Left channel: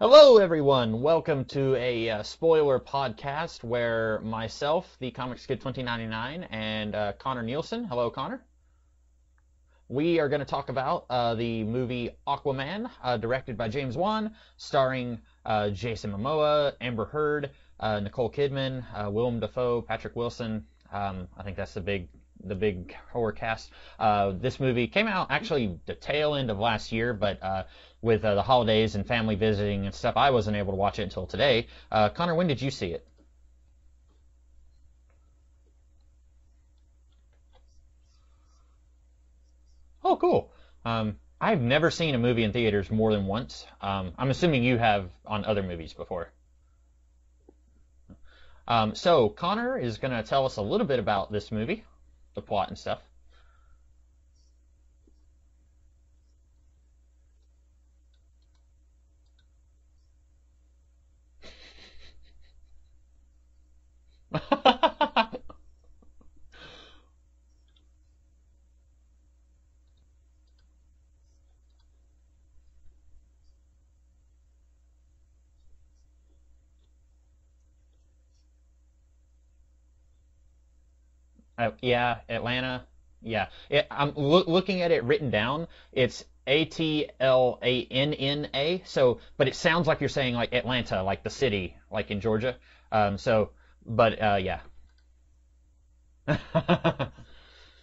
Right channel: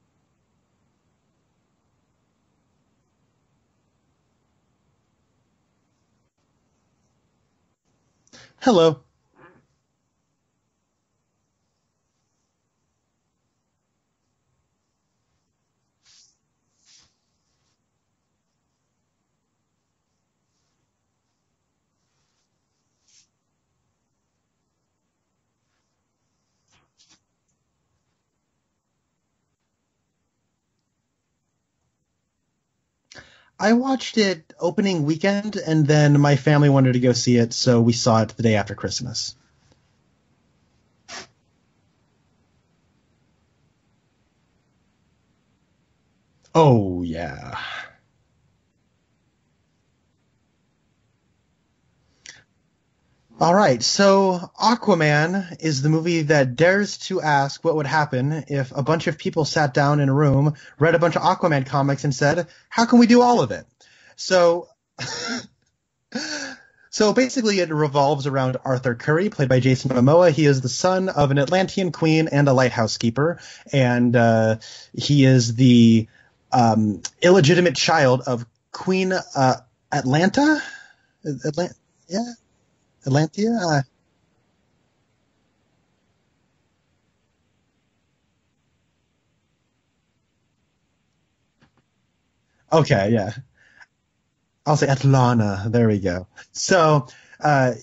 Hello, everyone. Welcome to a spoiler podcast where myself, the Comics Kid 2099, and Connor Nielsen. Hello, Connor. Hello. We are going to talk about the movie Aquaman, directed by James Wan, starring Jason Momoa, Amber Heard, Nicole Kidman, Willem Dafoe, Patrick Wilson. I think that's the big horror cast. This movie came out actually the tail end of last year, but with the holidays and family visiting and stuff, I wasn't able to watch it until today. Connor, when did you see it? I watched it opening weekend, and then my family wanted to go see it, so we saw it the day after Christmas. Oh, cool. I've never seen a movie in theaters more than once. I'm assuming you have on other movies before. Oh, yeah. So Connor is going to tell us a little bit about this movie, the plot and stuff. All right, so Aquaman is the movie that dares to ask what would happen if a bunch of people sat down in a room, read a bunch of Aquaman comics, and said, how can we do all of it? So... So basically it revolves around Arthur Curry, played by Jason Momoa. He is the son of an Atlantean queen and a lighthouse keeper, and he is the illegitimate child of Queen Atlanta? Atlanta. Atlanta? Yeah. I'm looking at it written down. It's Atlanna. So, but it sounds like you're saying like Atlanta, like the city, like in Georgia. Okay, yeah. So, but yeah. I'll say Atlanta. There we go. So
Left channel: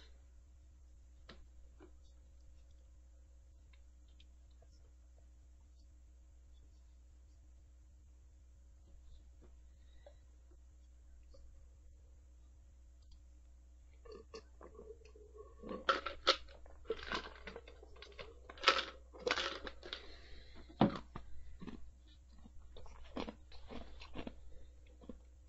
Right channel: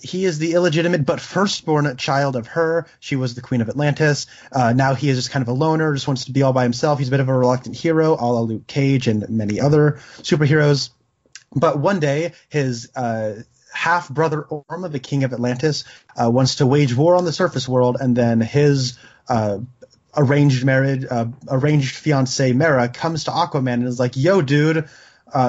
he is the illegitimate but firstborn child of her. She was the queen of Atlantis. Now he is just kind of a loner, just wants to be all by himself. He's a bit of a reluctant hero, a la Luke Cage and many other superheroes. But one day, his half-brother Orm, the king of Atlantis, wants to wage war on the surface world, and then his arranged fiancée Mera comes to Aquaman and is like, yo, dude,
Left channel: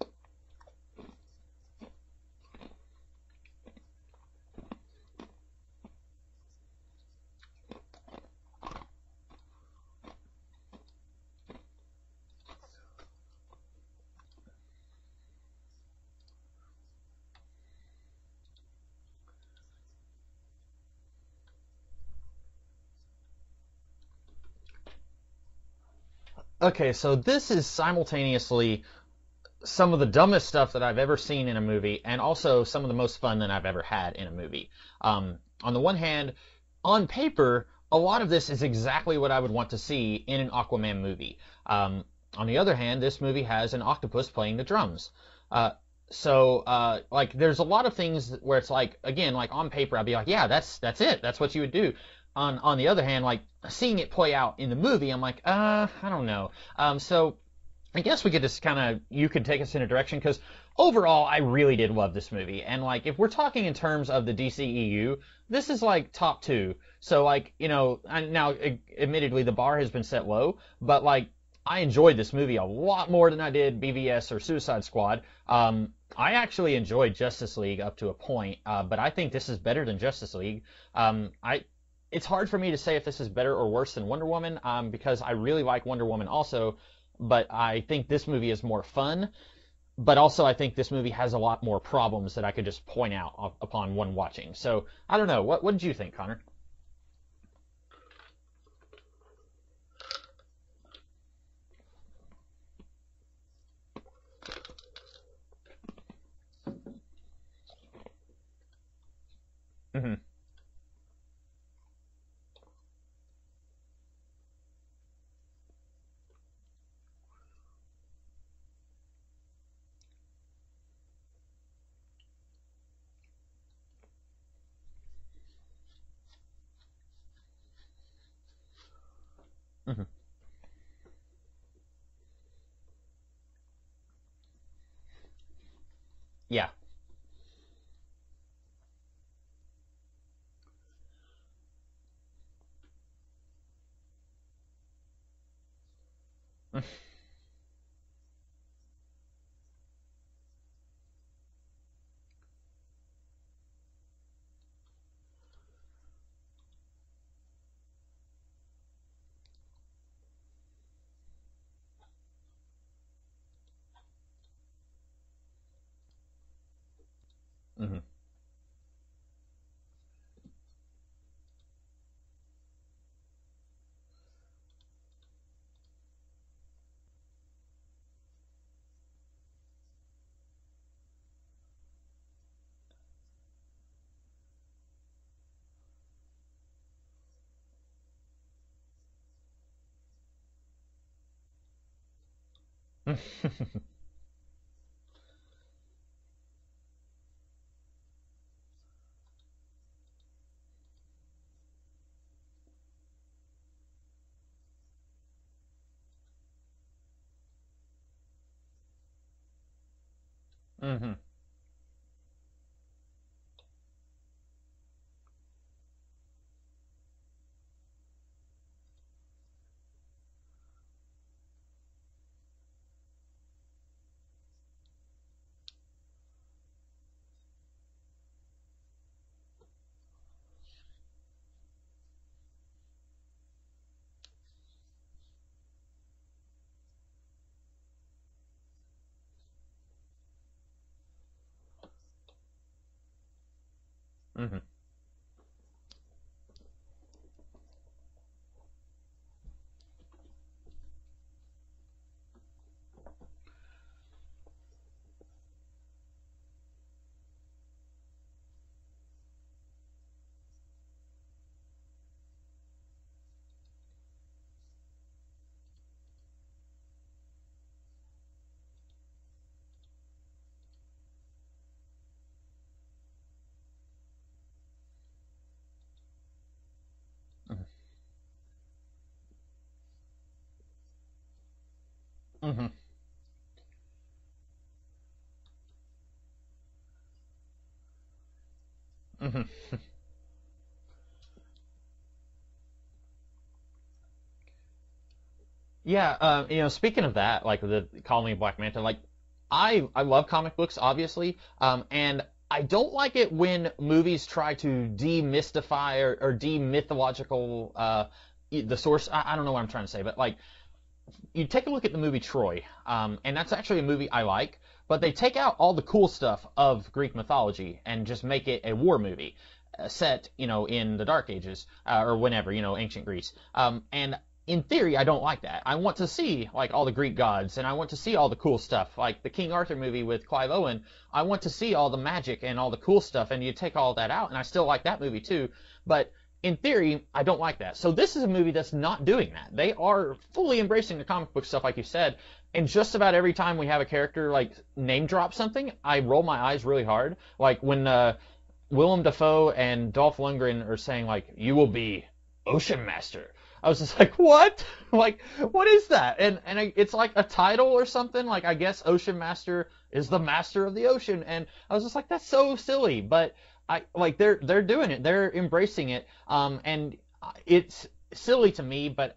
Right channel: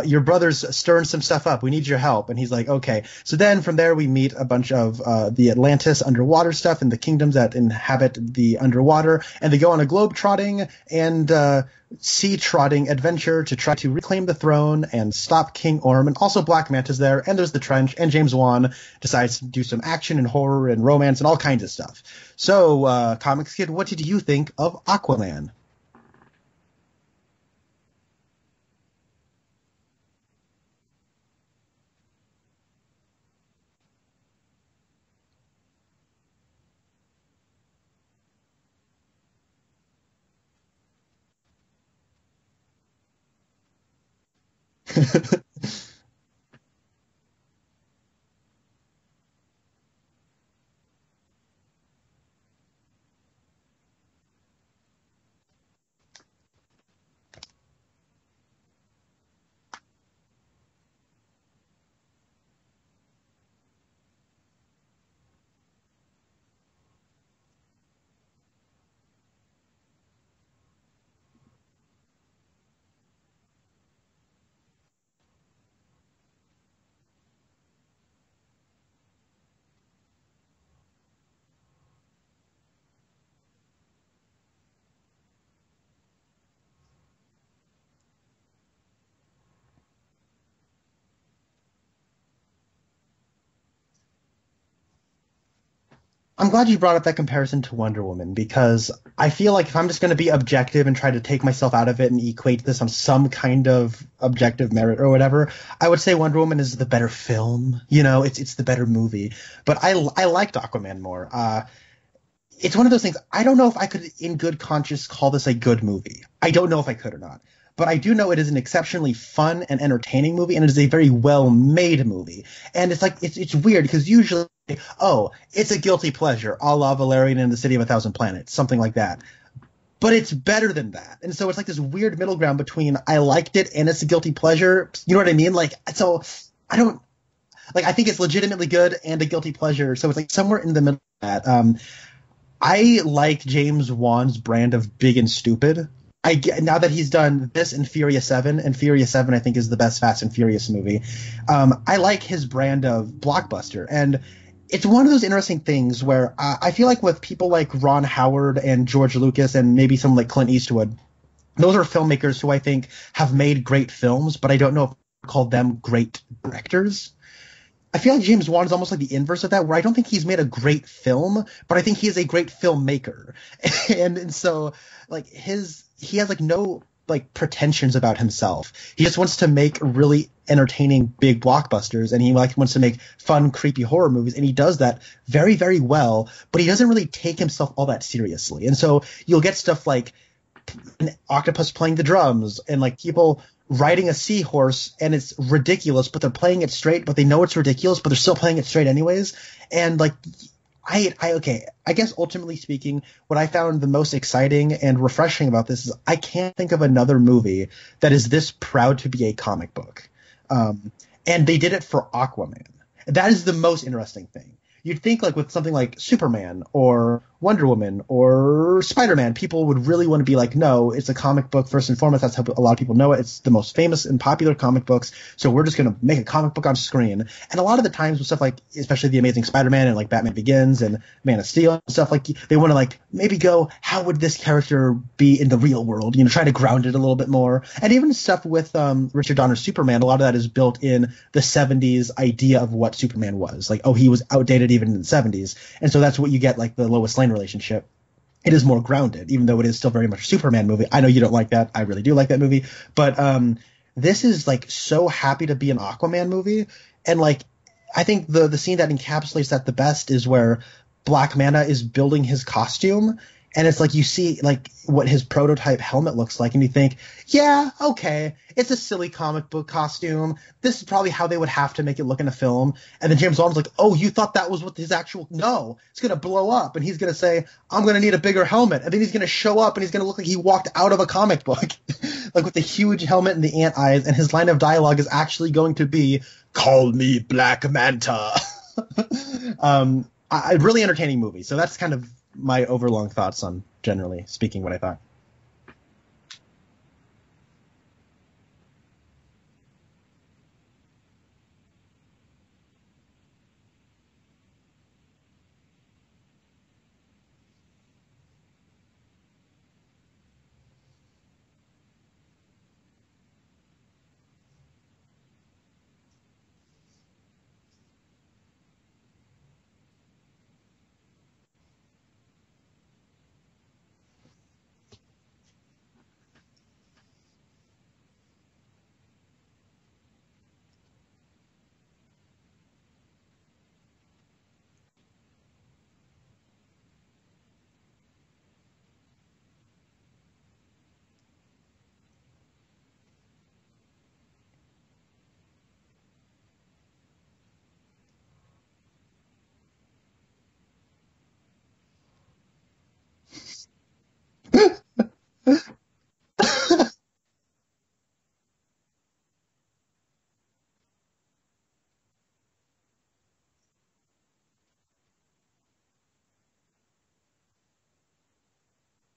your brother's stirring some stuff up. We need your help. And he's like, okay. So then from there we meet a bunch of the Atlantis underwater stuff and the kingdoms that inhabit the underwater. And they go on a globe-trotting and sea-trotting adventure to try to reclaim the throne and stop King Orm. And also Black Manta's there. And there's the Trench. And James Wan decides to do some action and horror and romance and all kinds of stuff. So, Comics Kid, what did you think of Aquaman? Okay, so this is simultaneously some of the dumbest stuff that I've ever seen in a movie, and also some of the most fun that I've ever had in a movie. On the one hand, on paper, a lot of this is exactly what I would want to see in an Aquaman movie. On the other hand, this movie has an octopus playing the drums. Like, there's a lot of things where it's like, again, like on paper, I'd be like, yeah, that's it. That's what you would do. On the other hand, like, seeing it play out in the movie, I'm like, I don't know. So I guess we could just you could take us in a direction, because overall, I really did love this movie. And, like, if we're talking in terms of the DCEU, this is, like, top 2. So, like, now, admittedly, the bar has been set low, but, like, I enjoyed this movie a lot more than I did BVS or Suicide Squad. I actually enjoyed Justice League up to a point, but I think this is better than Justice League. It's hard for me to say if this is better or worse than Wonder Woman, because I really like Wonder Woman also, but I think this movie is more fun. But also, I think this movie has a lot more problems that I could just point out upon one watching. So, I don't know. What did you think, Connor? I'm glad you brought up that comparison to Wonder Woman, because I feel like if I'm just going to be objective and try to take myself out of it and equate this on some kind of objective merit or whatever, I would say Wonder Woman is the better film. It's the better movie. But I liked Aquaman more. It's one of those things, I don't know if I could, in good conscience, call this a good movie. I don't know if I could or not. But I do know it is an exceptionally fun and entertaining movie, and it is a very well-made movie. And it's like, it's weird, because usually, it's a guilty pleasure, a la Valerian and the City of a Thousand Planets, something like that. Mm-hmm. But it's better than that. And so it's like this weird middle ground between I liked it and it's a guilty pleasure. You know what I mean? Like, so yeah. I think it's legitimately good and a guilty pleasure. So it's like somewhere in the middle of that. I like James Wan's brand of big and stupid. Now that he's done this and Furious 7, and Furious 7 I think is the best Fast and Furious movie, I like his brand of blockbuster. And it's one of those interesting things where I feel like with people like Ron Howard and George Lucas and maybe someone like Clint Eastwood, those are filmmakers who I think have made great films, but I don't know if I call them great directors. I feel like James Wan is almost like the inverse of that, where I don't think he's made a great film, but I think he is a great filmmaker. And so like he has like no like pretensions about himself. He just wants to make really entertaining big blockbusters, and he like wants to make fun, creepy horror movies, and he does that very, very well, but he doesn't really take himself all that seriously. And so you'll get stuff like an octopus playing the drums and like people riding a seahorse, and it's ridiculous, but they're playing it straight, but they know it's ridiculous, but they're still playing it straight anyways. And like I guess ultimately speaking, what I found the most exciting and refreshing about this is I can't think of another movie that is this proud to be a comic book. And they did it for Aquaman. That is the most interesting thing. You'd think like with something like Superman or Wonder Woman or Spider-Man, people would really want to be like, no, it's a comic book first and foremost. That's how a lot of people know it. It's the most famous and popular comic books. So we're just going to make a comic book on screen. And a lot of the times with stuff like, especially The Amazing Spider-Man and like Batman Begins and Man of Steel and stuff, like they want to like maybe go, how would this character be in the real world? You know, try to ground it a little bit more. And even stuff with Richard Donner's Superman, a lot of that is built in the 70s idea of what Superman was. Like, oh, he was outdated even in the 70s. And so that's what you get, like the Lois Lane relationship. It is more grounded, even though it is still very much a Superman movie. I know you don't like that. I really do like that movie. But this is like so happy to be an Aquaman movie. And like, I think the scene that encapsulates that the best is where Black Manta is building his costume. And it's like you see like what his prototype helmet looks like, and you think, yeah, okay, it's a silly comic book costume. This is probably how they would have to make it look in a film. And then James Wan's like, oh, you thought that was what his actual – no, it's going to blow up. And he's going to say, I'm going to need a bigger helmet. And then he's going to show up and he's going to look like he walked out of a comic book, like with the huge helmet and the ant eyes. And his line of dialogue is actually going to be, call me Black Manta. A really entertaining movie. So that's kind of – my overlong thoughts on, generally speaking, what I thought. Yeah, speaking of that, like the Call Me Black Manta, like I love comic books, obviously, and I don't like it when movies try to demystify or demythological the source. I don't know what I'm trying to say, but like you take a look at the movie Troy, and that's actually a movie I like, but they take out all the cool stuff of Greek mythology and just make it a war movie. Set, in the Dark Ages, or whenever, ancient Greece. And in theory, I don't like that. I want to see, like, all the Greek gods, and I want to see all the cool stuff. Like the King Arthur movie with Clive Owen, I want to see all the magic and all the cool stuff, and you take all that out, and I still like that movie too. But in theory, I don't like that. So this is a movie that's not doing that. They are fully embracing the comic book stuff, like you said, and just about every time we have a character, like, name drop something, I roll my eyes really hard. Like when, Willem Dafoe and Dolph Lundgren are saying, like, you will be Ocean Master. I was just like, what? Like, what is that? And it's like a title or something. Like, I guess Ocean Master is the master of the ocean. And I was just like, that's so silly. But they're doing it. They're embracing it. And it's silly to me, but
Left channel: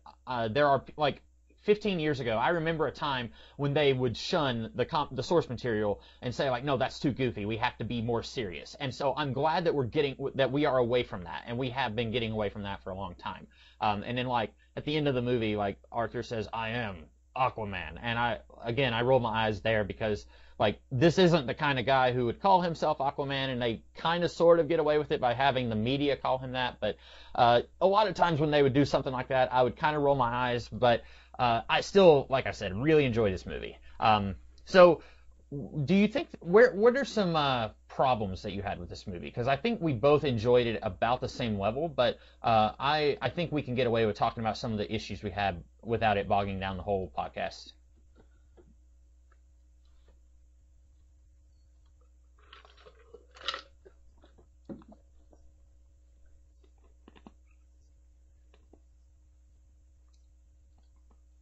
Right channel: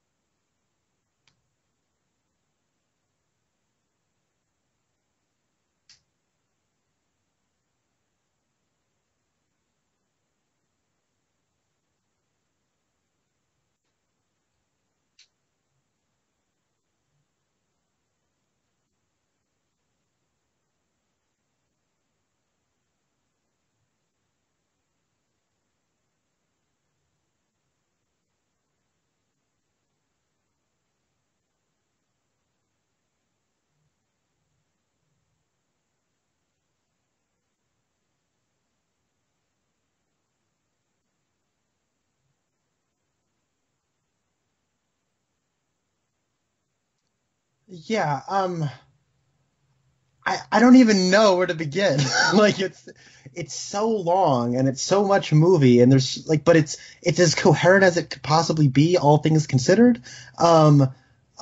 there are, like, 15 years ago, I remember a time when they would shun the source material and say, like, no, that's too goofy. We have to be more serious. And so I'm glad that we are away from that, and we have been getting away from that for a long time. And then, like, at the end of the movie, like, Arthur says, I am Aquaman. And I roll my eyes there because, like, this isn't the kind of guy who would call himself Aquaman, and they kind of sort of get away with it by having the media call him that. But a lot of times when they would do something like that, I would kind of roll my eyes, but I still, like I said, really enjoy this movie. So do you think, what are some problems that you had with this movie? Because I think we both enjoyed it about the same level, but I think we can get away with talking about some of the issues we had without it bogging down the whole podcast. Yeah, I don't even know where to begin. Like, it's so long and it's so much movie, and there's like, but it's as coherent as it could possibly be, all things considered.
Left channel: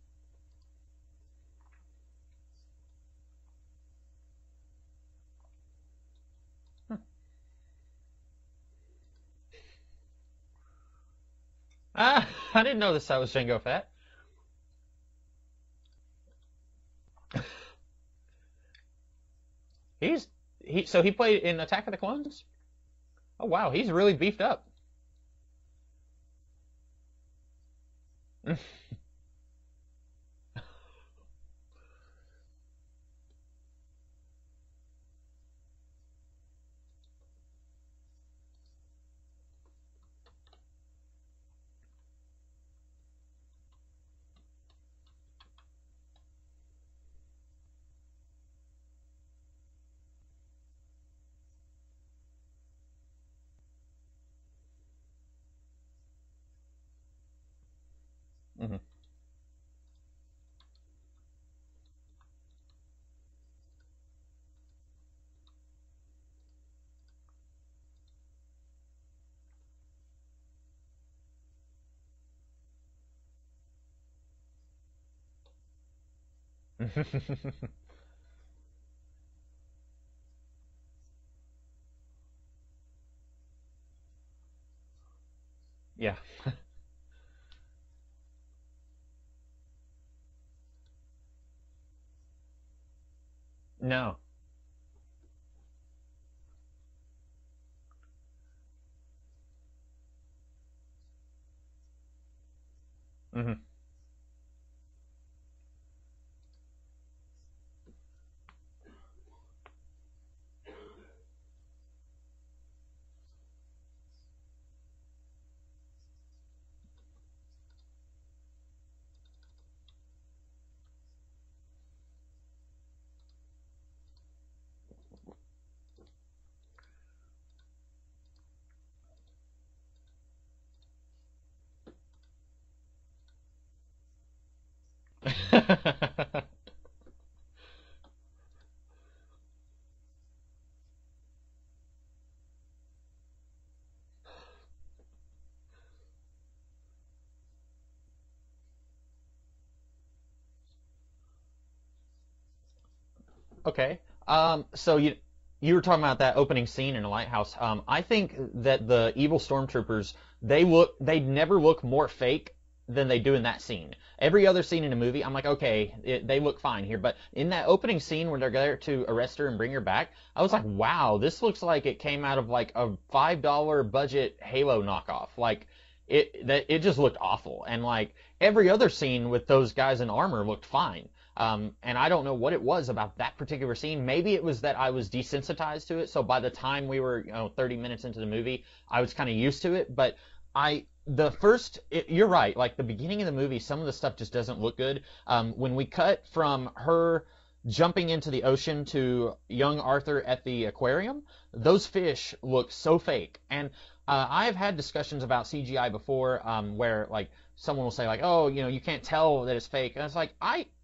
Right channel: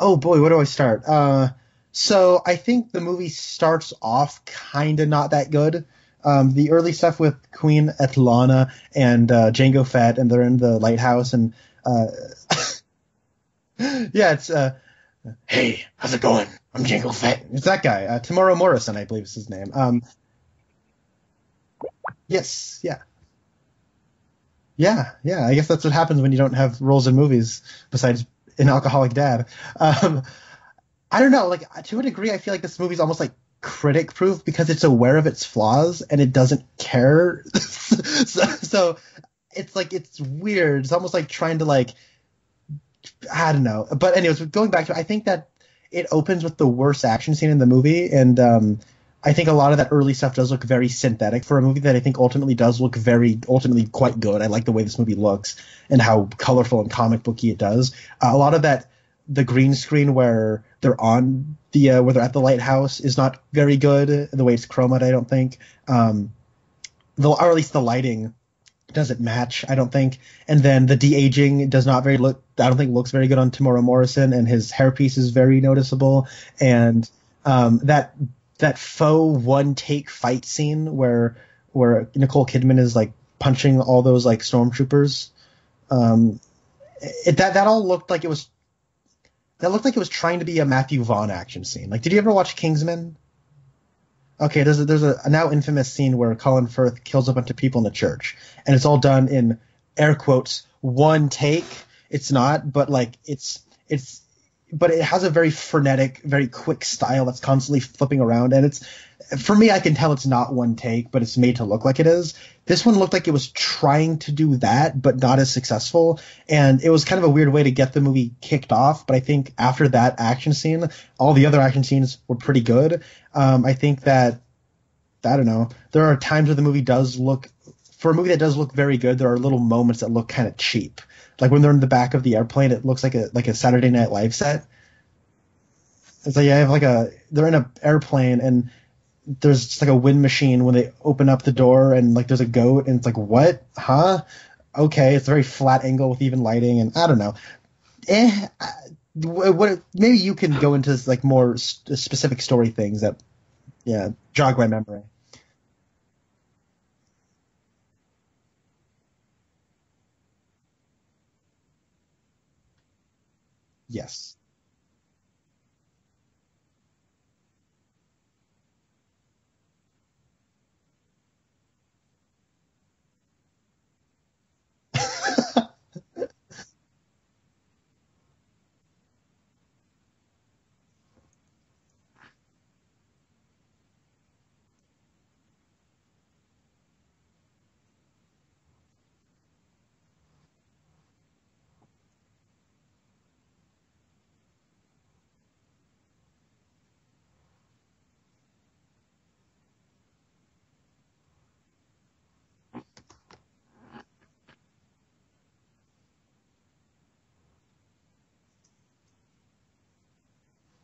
Oh boy, where do I start? So I think the movie starts off kind of not that good. The early stuff with Queen Etlana and Jango Fett, and they're in the lighthouse, and I didn't know that was Jango Fett. Yeah, it's hey, how's it going? I'm Jango Fett. It's that guy, Tamora Morrison, I believe is his name. So he played in Attack of the Clones? Yes, yeah. Oh wow, he's really beefed up. Yeah. I guess that's what happens when you don't have roles in movies besides an alcoholic dad. I don't know, like, to a degree, I feel like this movie's almost like critic proof because it's aware of its flaws and it doesn't care. So it's like, it's weird. It's almost like trying to like, I don't know. But anyways, going back to it, I think that it opens with the worst action scene in the movie, and I think a lot of that early stuff does look very synthetic for a movie that I think ultimately does look ultimately quite good. I like the way this movie looks and how colorful and comic booky it does. A lot of that, the green screen where they're on the where they're at the lighthouse is not very good. The way it's chromaed, I don't think. Or at least the lighting doesn't match, I don't think. And then the de-aging does not I don't think looks very good on Tamora Morrison, and his hairpiece is very noticeable. And that faux one take fight scene where Nicole Kidman is like punching all those like stormtroopers, that all looked like it was trying to be a Matthew Vaughn action scene. Like, did you ever watch Kingsman? No. Okay, there's a now infamous scene where Colin Firth kills a bunch of people in the church, and it's all done in air quotes one take. It's not, but like but it has a very frenetic, very quick style that's constantly flipping around, and it's, for me, I can tell it's not one take, but it's made to look like it is. This one looked like it was trying to do that, but not as successful, and it was kind of a weird way to get the movie kicked off. But I think after that action scene, all the other action scenes were pretty good. I think that, I don't know, there are times where the movie does look, for a movie that does look very good, there are little moments that look kind of cheap. Like when they're in the back of the airplane, it looks like a Saturday Night Live set. It's like, they're in an airplane and there's just like a wind machine when they open up the door, and like there's a goat, and it's like, what? Huh? Okay, it's a very flat angle with even lighting, and I don't know. Maybe you can go into like more specific story things that jog my memory. So you were talking about that opening scene in a lighthouse. I think that the evil stormtroopers, they never look more fake than they do in that scene. Yes. Every other scene in a movie, I'm like, okay, they look fine here. But in that opening scene where they're there to arrest her and bring her back, I was like, wow, this looks like it came out of like a $5 budget Halo knockoff. Like it just looked awful. And like every other scene with those guys in armor looked fine. And I don't know what it was about that particular scene. Maybe it was that I was desensitized to it. So by the time we were 30 minutes into the movie, I was kind of used to it. But you're right. Like the beginning of the movie, some of the stuff just doesn't look good. When we cut from her jumping into the ocean to young Arthur at the aquarium, those fish look so fake. And I've had discussions about CGI before, where like someone will say like, oh, you can't tell that it's fake. And it's like,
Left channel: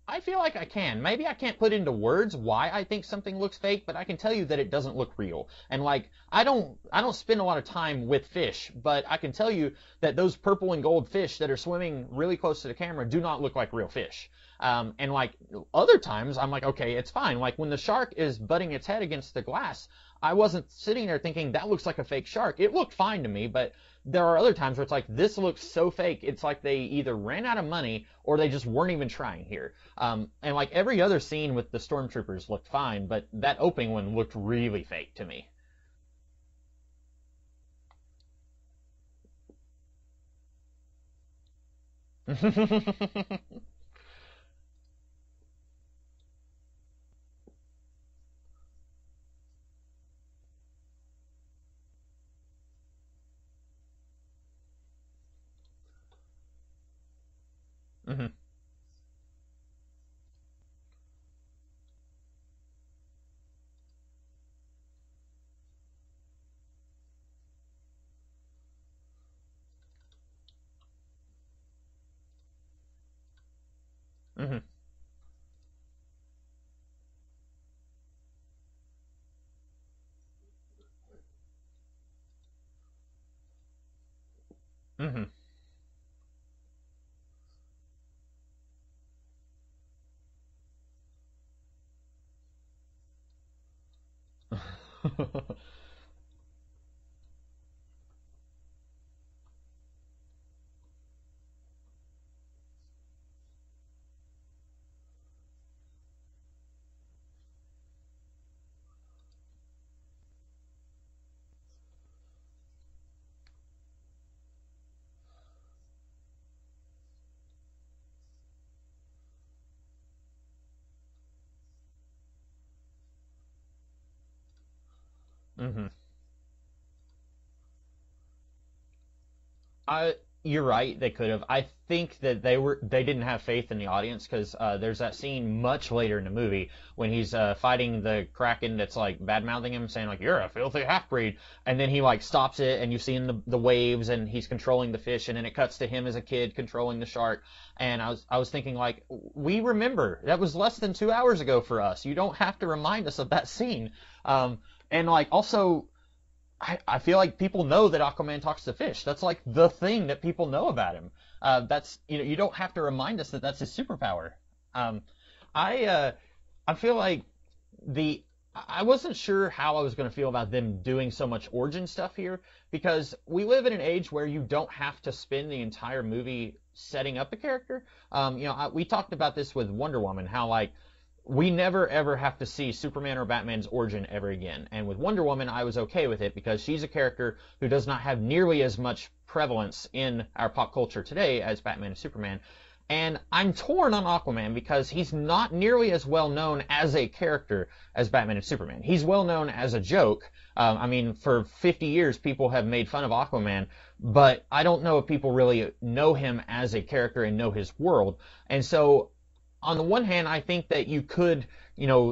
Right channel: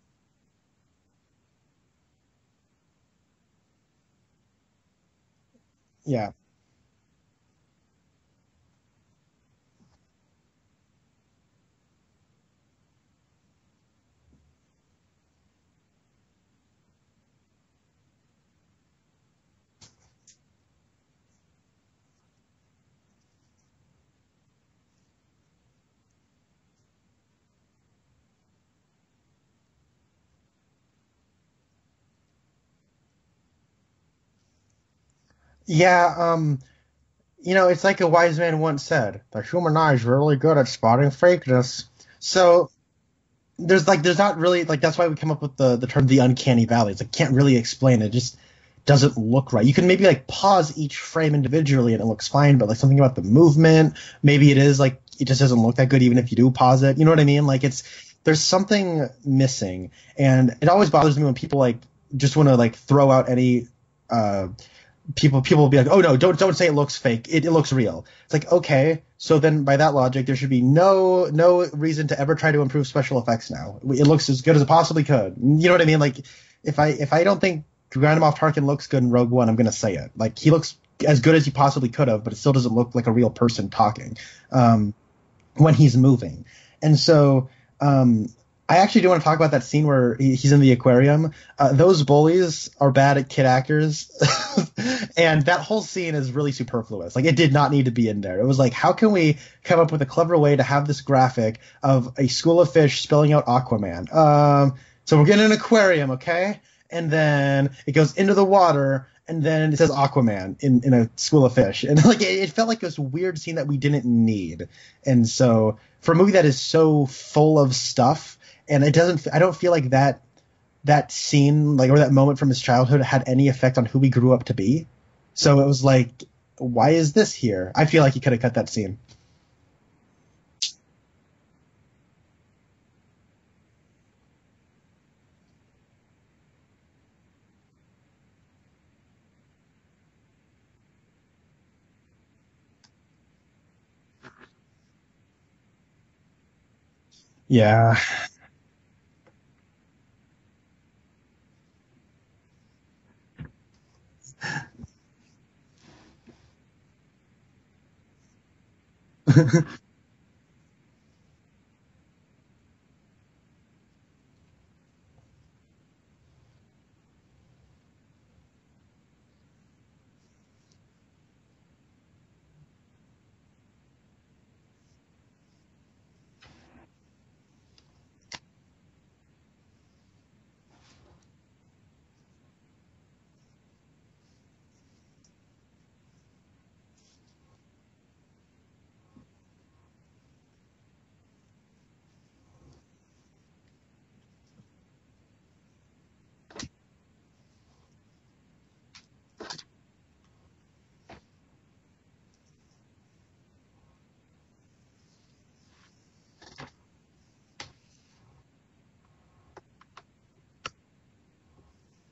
I feel like I can. Maybe I can't put into words why I think something looks fake, but I can tell you that it doesn't look real. And like, I don't spend a lot of time with fish, but I can tell you that those purple and gold fish that are swimming really close to the camera do not look like real fish. And like other times I'm like, okay, it's fine. Like when the shark is butting its head against the glass, I wasn't sitting there thinking that looks like a fake shark. It looked fine to me, but there are other times where it's like, this looks so fake. It's like they either ran out of money or they just weren't even trying here. And like every other scene with the stormtroopers looked fine, but that opening one looked really fake to me. Yeah, it's like a wise man once said, the human eye is really good at spotting fakeness. So there's not really, like, that's why we come up with the term the uncanny valley. It's like, can't really explain it. Just doesn't look right. You can maybe like pause each frame individually and it looks fine, but like something about the movement, maybe it is like, it just doesn't look that good even if you do pause it. You know what I mean? Like there's something missing, and it always bothers me when people like just want to like throw out any people will be like, oh no, don't say it looks fake. It looks real. It's like, okay, so then by that logic, there should be no reason to ever try to improve special effects now. It looks as good as it possibly could. You know what I mean? Like if I don't think Grand Moff Tarkin looks good in Rogue One, I'm gonna say it. Like he looks as good as he possibly could have, but it still doesn't look like a real person talking when he's moving. And so I actually do want to talk about that scene where he's in the aquarium. Those bullies are bad at kid actors, and that whole scene is really superfluous. Like it did not need to be in there. It was like, how can we come up with a clever way to have this graphic of a school of fish spelling out Aquaman? So we're getting an aquarium, okay? And then it goes into the water, and then it says Aquaman in a school of fish. And like it felt like this weird scene that we didn't need. And so for a movie that is so full of stuff, and I don't feel like that that scene, like, or that moment from his childhood had any effect on who he grew up to be. So it was like, why is this here? I feel like he could have cut that scene. You're right. They could have. I think that they didn't have faith in the audience because there's that scene much later in the movie when he's fighting the Kraken that's like bad mouthing him, saying like you're a filthy half breed, and then he like stops it, and you've seen the waves, and he's controlling the fish, and then it cuts to him as a kid controlling the shark. Yeah. And I was thinking like, we remember that was less than 2 hours ago for us. You don't have to remind us of that scene. And like also. I feel like people know that Aquaman talks to fish. That's like the thing that people know about him. That's you don't have to remind us that that's his superpower. I feel like I wasn't sure how I was going to feel about them doing so much origin stuff here because we live in an age where you don't have to spend the entire movie setting up a character. We talked about this with Wonder Woman, how like. We never ever have to see Superman or Batman's origin ever again. And with Wonder Woman, I was okay with it because she's a character who does not have nearly as much prevalence in our pop culture today as Batman and Superman. And I'm torn on Aquaman because he's not nearly as well known as a character as Batman and Superman. He's well known as a joke. For 50 years, people have made fun of Aquaman, but I don't know if people really know him as a character and know his world. And so on the one hand, I think that you could,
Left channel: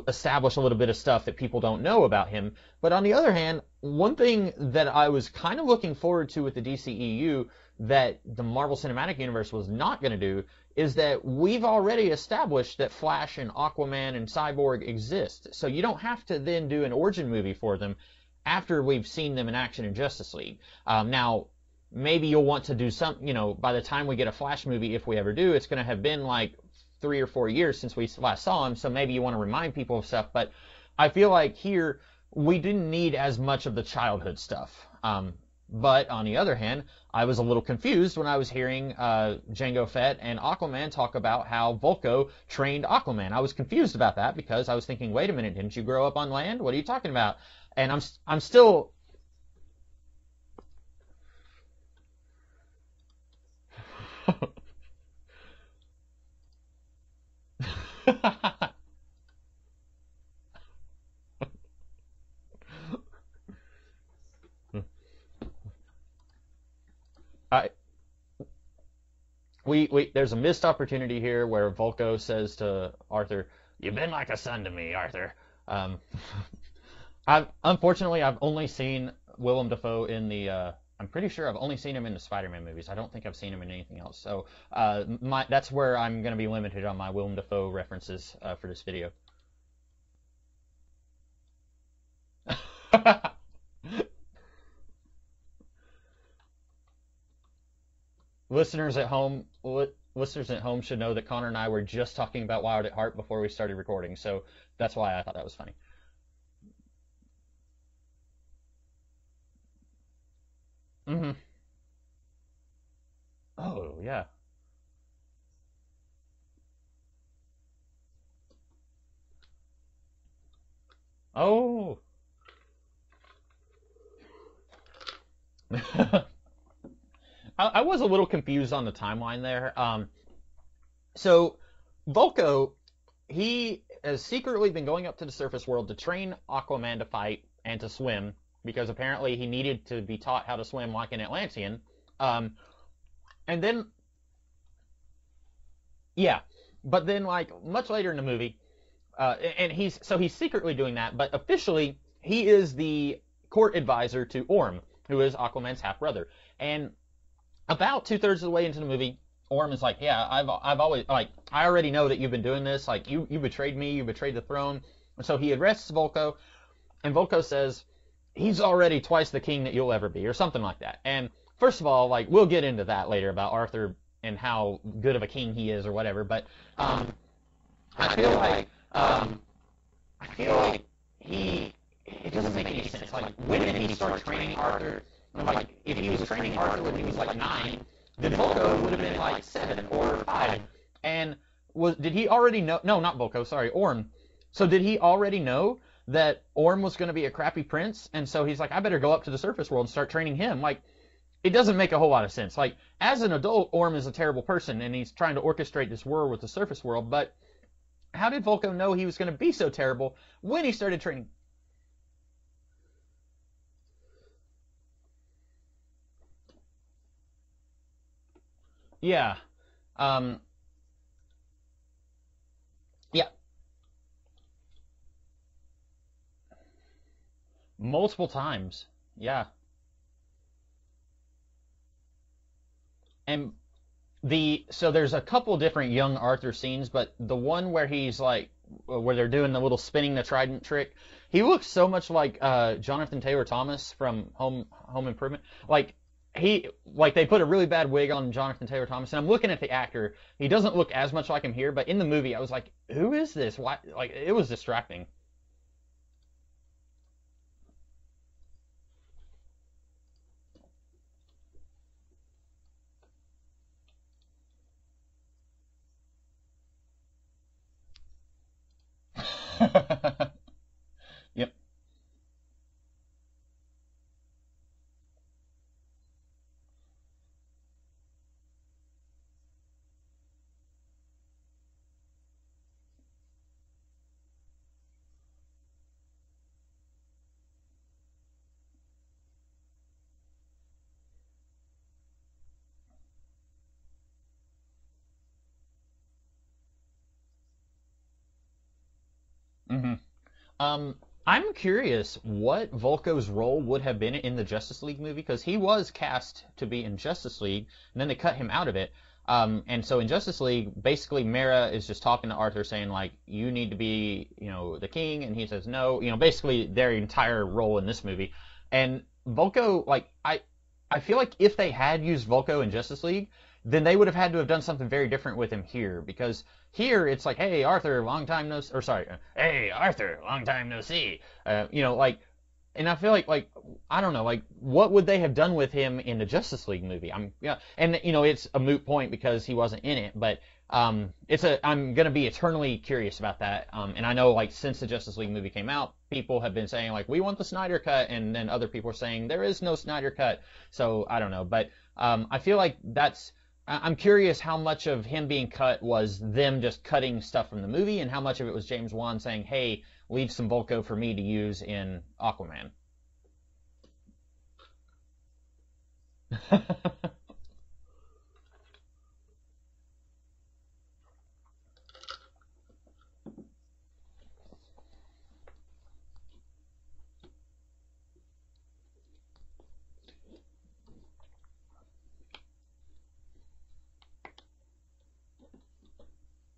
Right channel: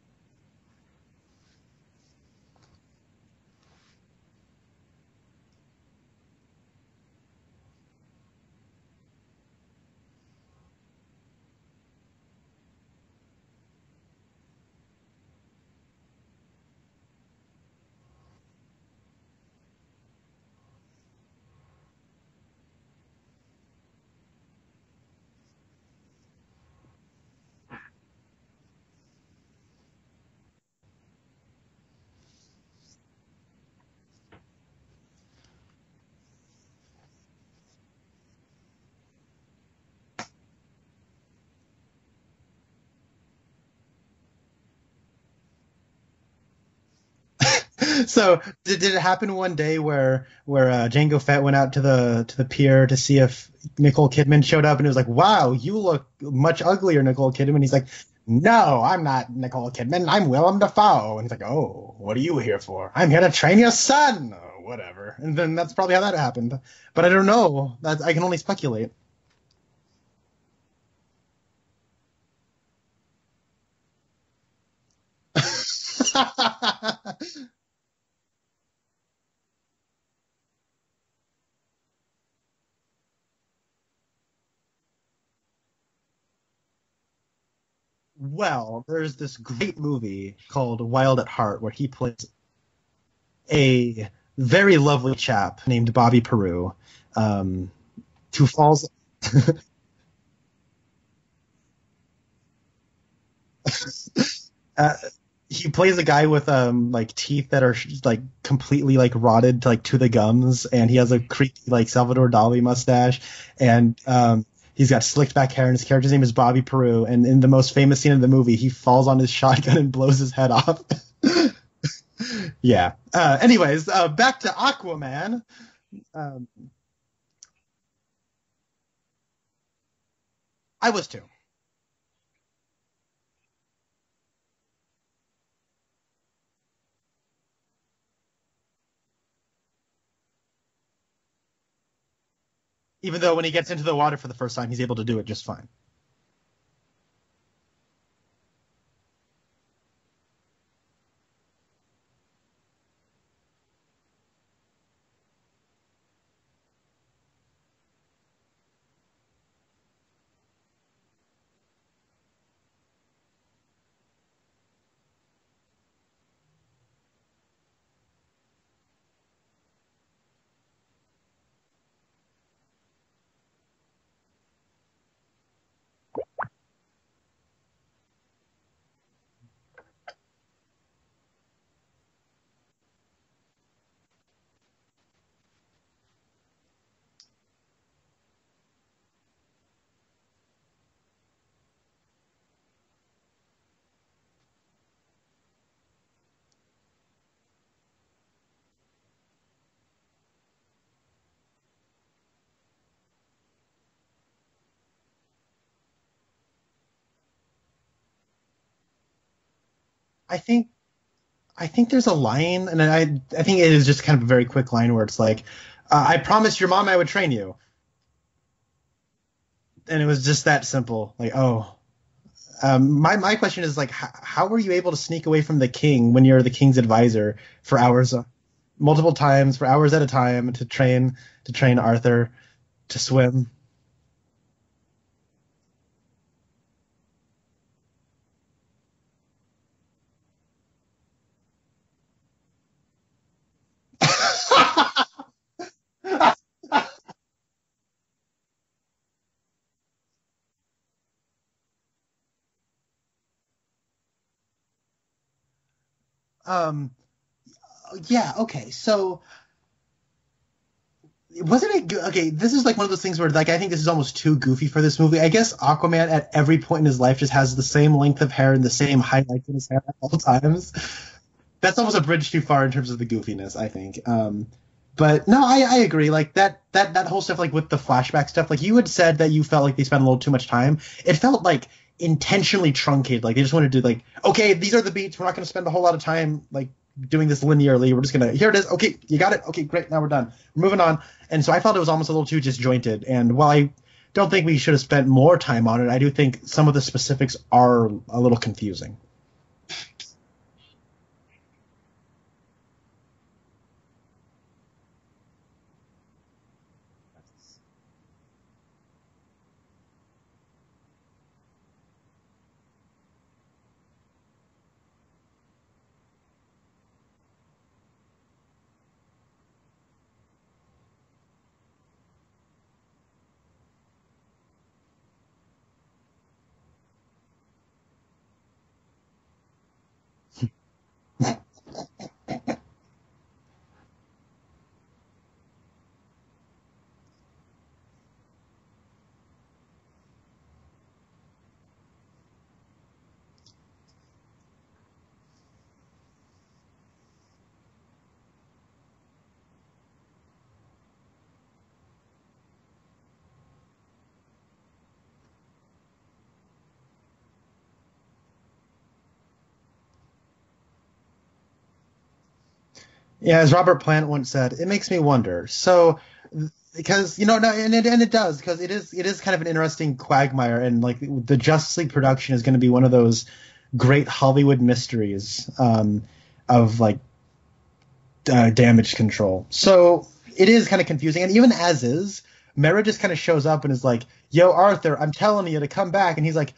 establish a little bit of stuff that people don't know about him. But on the other hand, one thing that I was kind of looking forward to with the DCEU that the Marvel Cinematic Universe was not going to do is that we've already established that Flash and Aquaman and Cyborg exist. So you don't have to then do an origin movie for them after we've seen them in action in Justice League. Now, maybe you'll want to do some, by the time we get a Flash movie, if we ever do, it's going to have been like 3 or 4 years since we last saw him, so maybe you want to remind people of stuff, but I feel like here we didn't need as much of the childhood stuff. But on the other hand, I was a little confused when I was hearing Jango Fett and Aquaman talk about how Vulko trained Aquaman. I was confused about that because I was thinking, wait a minute, didn't you grow up on land? What are you talking about? And I'm still... Did it happen one day where Jango Fett went out to the pier to see if Nicole Kidman showed up, and it was like, wow, you look much uglier, Nicole Kidman. He's like, no, I'm not Nicole Kidman. I'm Willem Dafoe. And he's like, oh, what are you here for? I'm here to train your son. Oh, whatever. And then that's probably how that happened. But I don't know. I can only speculate. There's a missed opportunity here where Vulko says to Arthur, "You've been like a son to me, Arthur." Unfortunately, I've only seen Willem Dafoe in the. I'm pretty sure I've only seen him in the Spider-Man movies. I don't think I've seen him in anything else. So that's where I'm going to be limited on my Willem Dafoe references. Well, there's this great movie called Wild at Heart where he plays a very lovely chap named Bobby Peru. Listeners at home should know that Connor and I were just talking about Wild at Heart before we started recording, so that's why I thought that was he plays a guy with teeth that are completely rotted to the gums, and he has a creepy Salvador Dali mustache, and he's got slicked back hair, and his character's name is Bobby Peru, and in the most famous scene of the movie, he falls on his shotgun and blows his head off. Oh. Yeah. Anyways, back to Aquaman. I was a little confused on the timeline there. I was too. So, Vulko, he has secretly been going up to the surface world to train Aquaman to fight and to swim, because apparently he needed to be taught how to swim like an Atlantean. Even though when he gets into the water for the first time, he's able to do it just fine. Yeah. But then, much later in the movie, and he's secretly doing that, but officially, he is the court advisor to Orm, who is Aquaman's half-brother. And about 2/3 of the way into the movie, Orm is like, yeah, I've always, I already know that you've been doing this. You betrayed me, you betrayed the throne. And so he arrests Vulko, and Vulko says, he's already twice the king that you'll ever be, or something like that. And first of all, we'll get into that later about Arthur and how good of a king he is or whatever, but I feel like it doesn't make any sense. When did he start training Arthur? If he was training Arthur when he was 9, then Vulko would have been 7 or 5. And did he already know? No, not Vulko. Sorry, Orm. So did he already know that Orm was going to be a crappy prince? And so he's like, I better go up to the surface world and start training him. It doesn't make a whole lot of sense. As an adult, Orm is a terrible person, and he's trying to orchestrate this war with the surface world. But how did Volko know he was going to be so terrible I when think he started training? I think there's a line, and I think it is just kind of a very quick line where it's like, I promised your mom I would train you, Yeah. and it was just that simple. Like, oh. My question is like, how were you able to sneak away from the king when you're the king's advisor for hours? Multiple times for hours at a time to train Arthur to swim. And so there's a couple different young Arthur scenes, but the one where he's like, where they're doing the little spinning the trident trick, he looks so much like Jonathan Taylor Thomas from Home Improvement. Like they put a really bad wig on Jonathan Taylor Thomas, and I'm looking at the actor. He doesn't look as much like him here, but in the movie, I was like, who is this? Why? Like, it was distracting. Yeah. Okay. So. Wasn't it okay? This is like one of those things where, like, I think this is almost too goofy for this movie. I guess Aquaman at every point in his life just has the same length of hair and the same height in his hair at all times. Yep. That's almost a bridge too far in terms of the goofiness, I think. But no, I agree. Like that whole stuff, like with the flashback stuff, like you had said that you felt like they spent a little too much time. It felt like intentionally truncated. Like they just wanted to like, okay, these are the beats. We're not going to spend a whole lot of time like doing this linearly. We're just gonna, here it is. Okay, you got it. Okay, great. Now we're done. We're moving on. And so I felt it was almost a little too disjointed. And while I don't think we should have spent more time on it, I do think some of the specifics are a little confusing. Mm-hmm. I'm curious what Volko's role would have been in the Justice League movie, because he was cast to be in Justice League, and then they cut him out of it. And so in Justice League, basically Mera is just talking to Arthur saying, like, you need to be, the king, and he says no. Basically their entire role in this movie. And Volko, like, I feel like if they had used Volko in Justice League, then they would have had to have done something very different with him here, because here it's like, hey Arthur, long time no, or sorry, hey Arthur, long time no see. Like, and I feel like I don't know, like what would they have done with him in the Justice League movie? And it's a moot point because he wasn't in it, but I'm gonna be eternally curious about that. And I know, like, since the Justice League movie came out, people have been saying like, we want the Snyder cut, and then other people are saying there is no Snyder cut. So I don't know, but I feel like I'm curious how much of him being cut was them just cutting stuff from the movie, and how much of it was James Wan saying, hey, leave some Volko for me to use in Aquaman. Yeah, as Robert Plant once said, it makes me wonder. So, because no, and it does, because it is kind of an interesting quagmire, and like the Justice League production is going to be one of those great Hollywood mysteries of like damage control. So it is kind of confusing, and even as is, Mera just kind of shows up and is like, yo, Arthur, I'm telling you to come back. And he's like,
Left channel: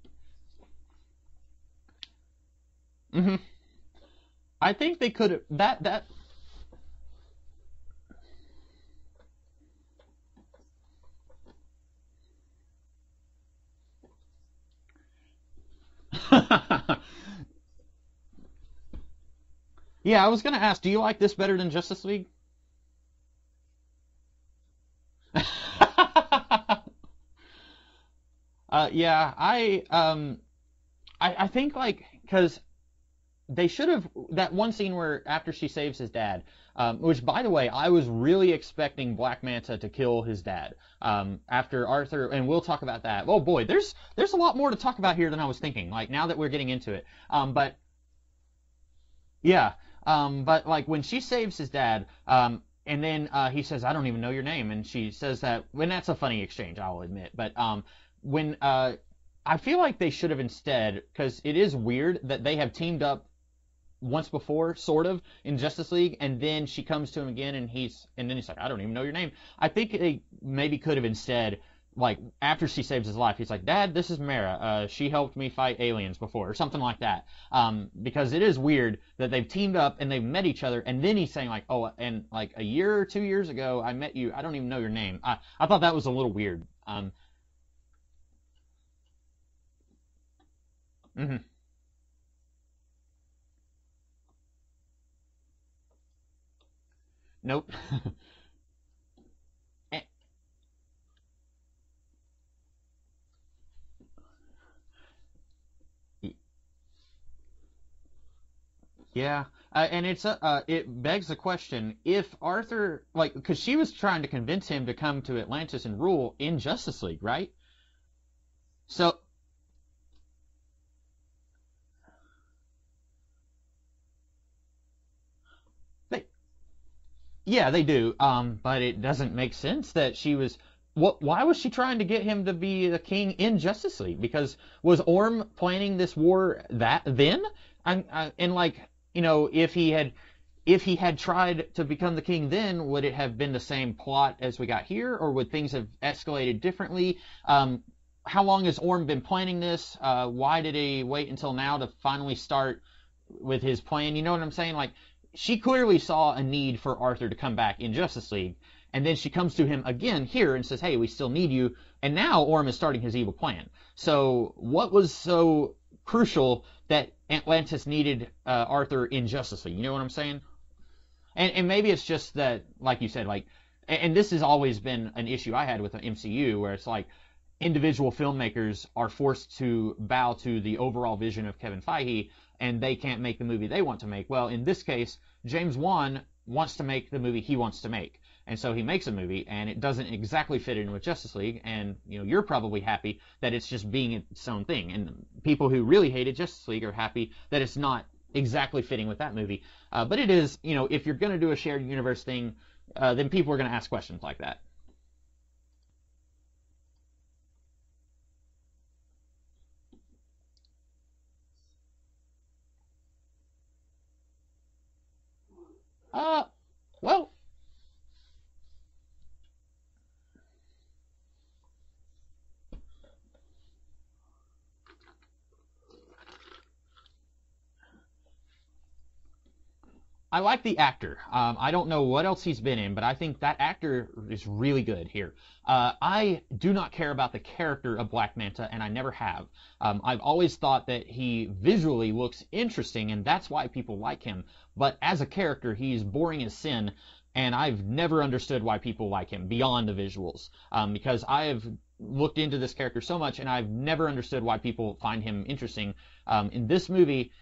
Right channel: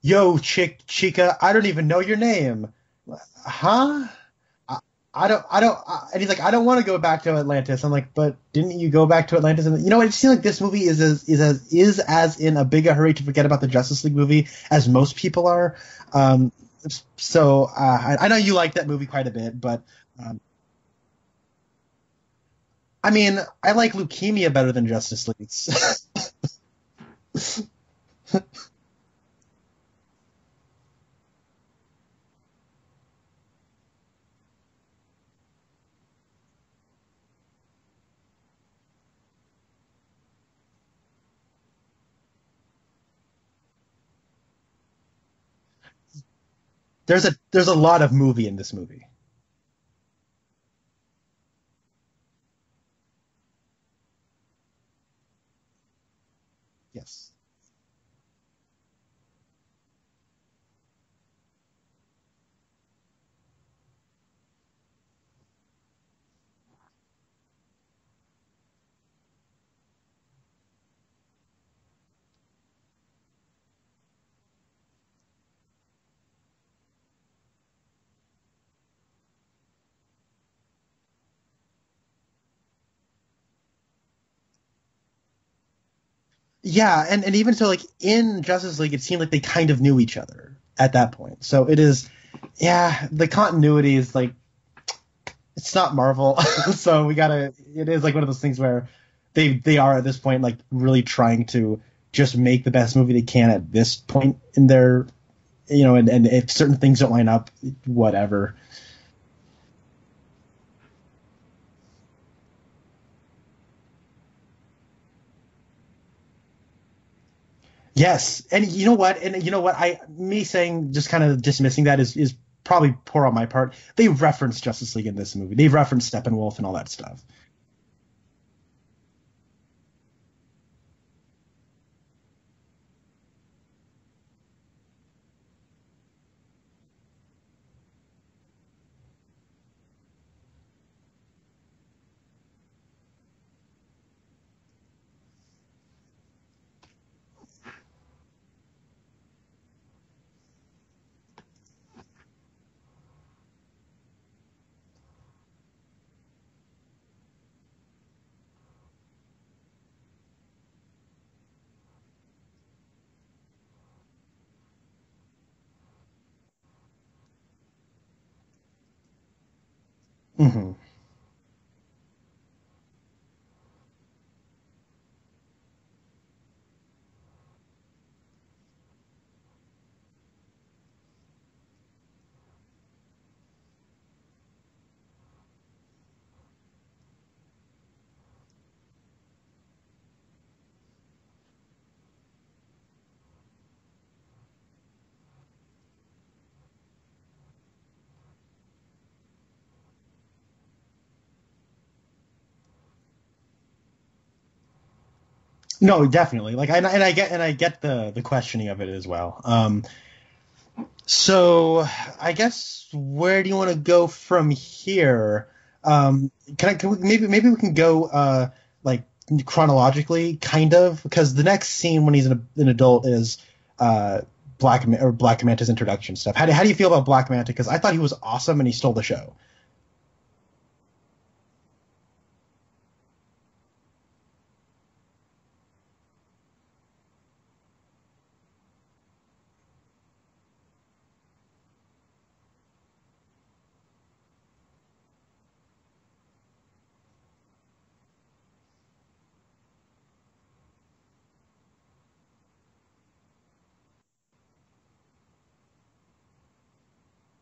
yo, Chica, I don't even know your name. Mm-hmm. Huh? I think they could. I don't. And he's like, I don't want to go back to Atlantis. I'm like, but didn't you go back to Atlantis? And it seems like this movie is as in a big a hurry to forget about the Justice League movie as most people are. So I know you like that movie quite a bit, but yeah, I was gonna ask, do you like this better than Justice League? I mean, I like Leukemia better than Justice League. Yeah, I think, like, because they should have, that one scene where after she saves his dad, which, by the way, I was really expecting Black Manta to kill his dad after Arthur, and we'll talk about that. Oh boy, there's a lot more to talk about here than I was thinking. Like, now that we're getting into it, there's a lot of movie in this movie. Yeah, but like when she saves his dad, and then he says, I don't even know your name, and she says that, when that's a funny exchange, I'll admit, but when I feel like they should have instead, because it is weird that they have teamed up once before, sort of, in Justice League, and then she comes to him again, and then he's like, I don't even know your name. I think they maybe could have instead, like, after she saves his life, he's like, Dad, this is Mera. She helped me fight aliens before, or something like that. Because it is weird that they've teamed up and they've met each other, and then he's saying, like, oh, and like a year or 2 years ago, I met you. I don't even know your name. I thought that was a little weird. Yeah, and even so, like, in Justice League, it seemed like they kind of knew each other at that point. Mm-hmm. So it is, yeah, the continuity is like, it's not Marvel. So we gotta, nope. It is like one of those things where they are at this point like really trying to just make the best movie they can at this point in their, and if certain things don't line up, whatever. Yeah, and it begs the question, if Arthur, like, because she was trying to convince him to come to Atlantis and rule in Justice League, right? Yes, and you know So what? And you know what? Me saying just kind of dismissing that is probably poor on my part. They reference Justice League in this movie. They reference Steppenwolf and all that stuff. yeah, they do. But it doesn't make sense that she was. What? Why was she trying to get him to be the king in Justice League? Because was Orm planning this war that then? And like, if he had tried to become the king then, would it have been the same plot as we got here, or would things have escalated differently? How long has Orm been planning this? Why did he wait until now to finally start with his plan? You know what I'm saying? Like, she clearly saw a need for Arthur to come back in Justice League, and then she comes to him again here and says, "Hey, we still need you." And now Orm is starting his evil plan. So, what was so crucial that Atlantis needed Arthur in Justice League? You know what I'm saying? Mm-hmm. And maybe it's just that, like you said, like, and this has always been an issue I had with the MCU, where it's like individual filmmakers are forced to bow to the overall vision of Kevin Feige, and they can't make the movie they want to make. Well, in this case, James Wan wants to make the movie he wants to make. And so he makes a movie, and it doesn't exactly fit in with Justice League, and you're probably happy that it's just being its own thing. And people who really hated Justice League are happy that it's not exactly fitting with that movie. But it is, if you're going to do a shared universe thing, then people are going to ask questions like that. No, definitely. Like, and I get the questioning of it as well. So I guess where do you want to go from here? Maybe we can go like chronologically, kind of, because the next scene when he's an adult is Black Manta's introduction stuff. How do you feel about Black Manta? Because I thought he was awesome and he stole the show. I like the actor. I don't know what else he's been in, but I think that actor is really good here. I do not care about the character of Black Manta, and I never have. I've always thought that he visually looks interesting, and that's why people like him. But as a character, he's boring as sin, and I've never understood why people like him beyond the visuals. Because I have looked into this character so much, and I've never understood why people find him interesting. In this movie,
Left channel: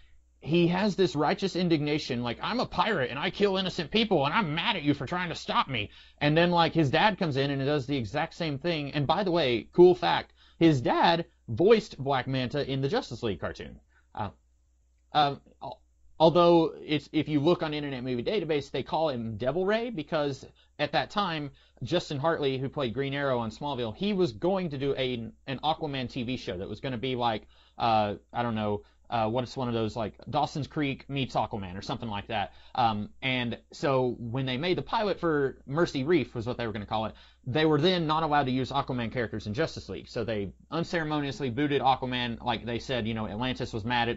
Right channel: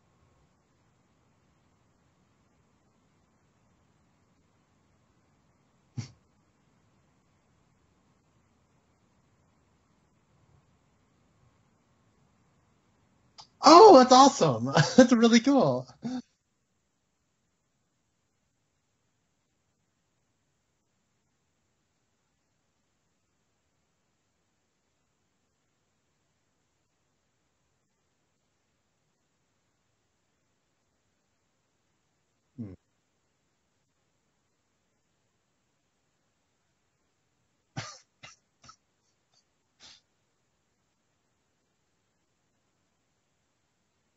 he has this righteous indignation, like, I'm a pirate and I kill innocent people and I'm mad at you for trying to stop me. And then, like, his dad comes in and does the exact same thing. And by the way, cool fact, his dad voiced Black Manta in the Justice League cartoon. Oh, that's awesome. That's really cool. Although, if you look on Internet Movie Database, they call him Devil Ray because at that time, Justin Hartley, who played Green Arrow on Smallville, he was going to do an Aquaman TV show that was going to be like, I don't know, what's one of those, like Dawson's Creek meets Aquaman or something like that. And so when they made the pilot for Mercy Reef, was what they were going to call it, they were then not allowed to use Aquaman characters in Justice League. So they unceremoniously booted Aquaman. Like they said, Atlantis was mad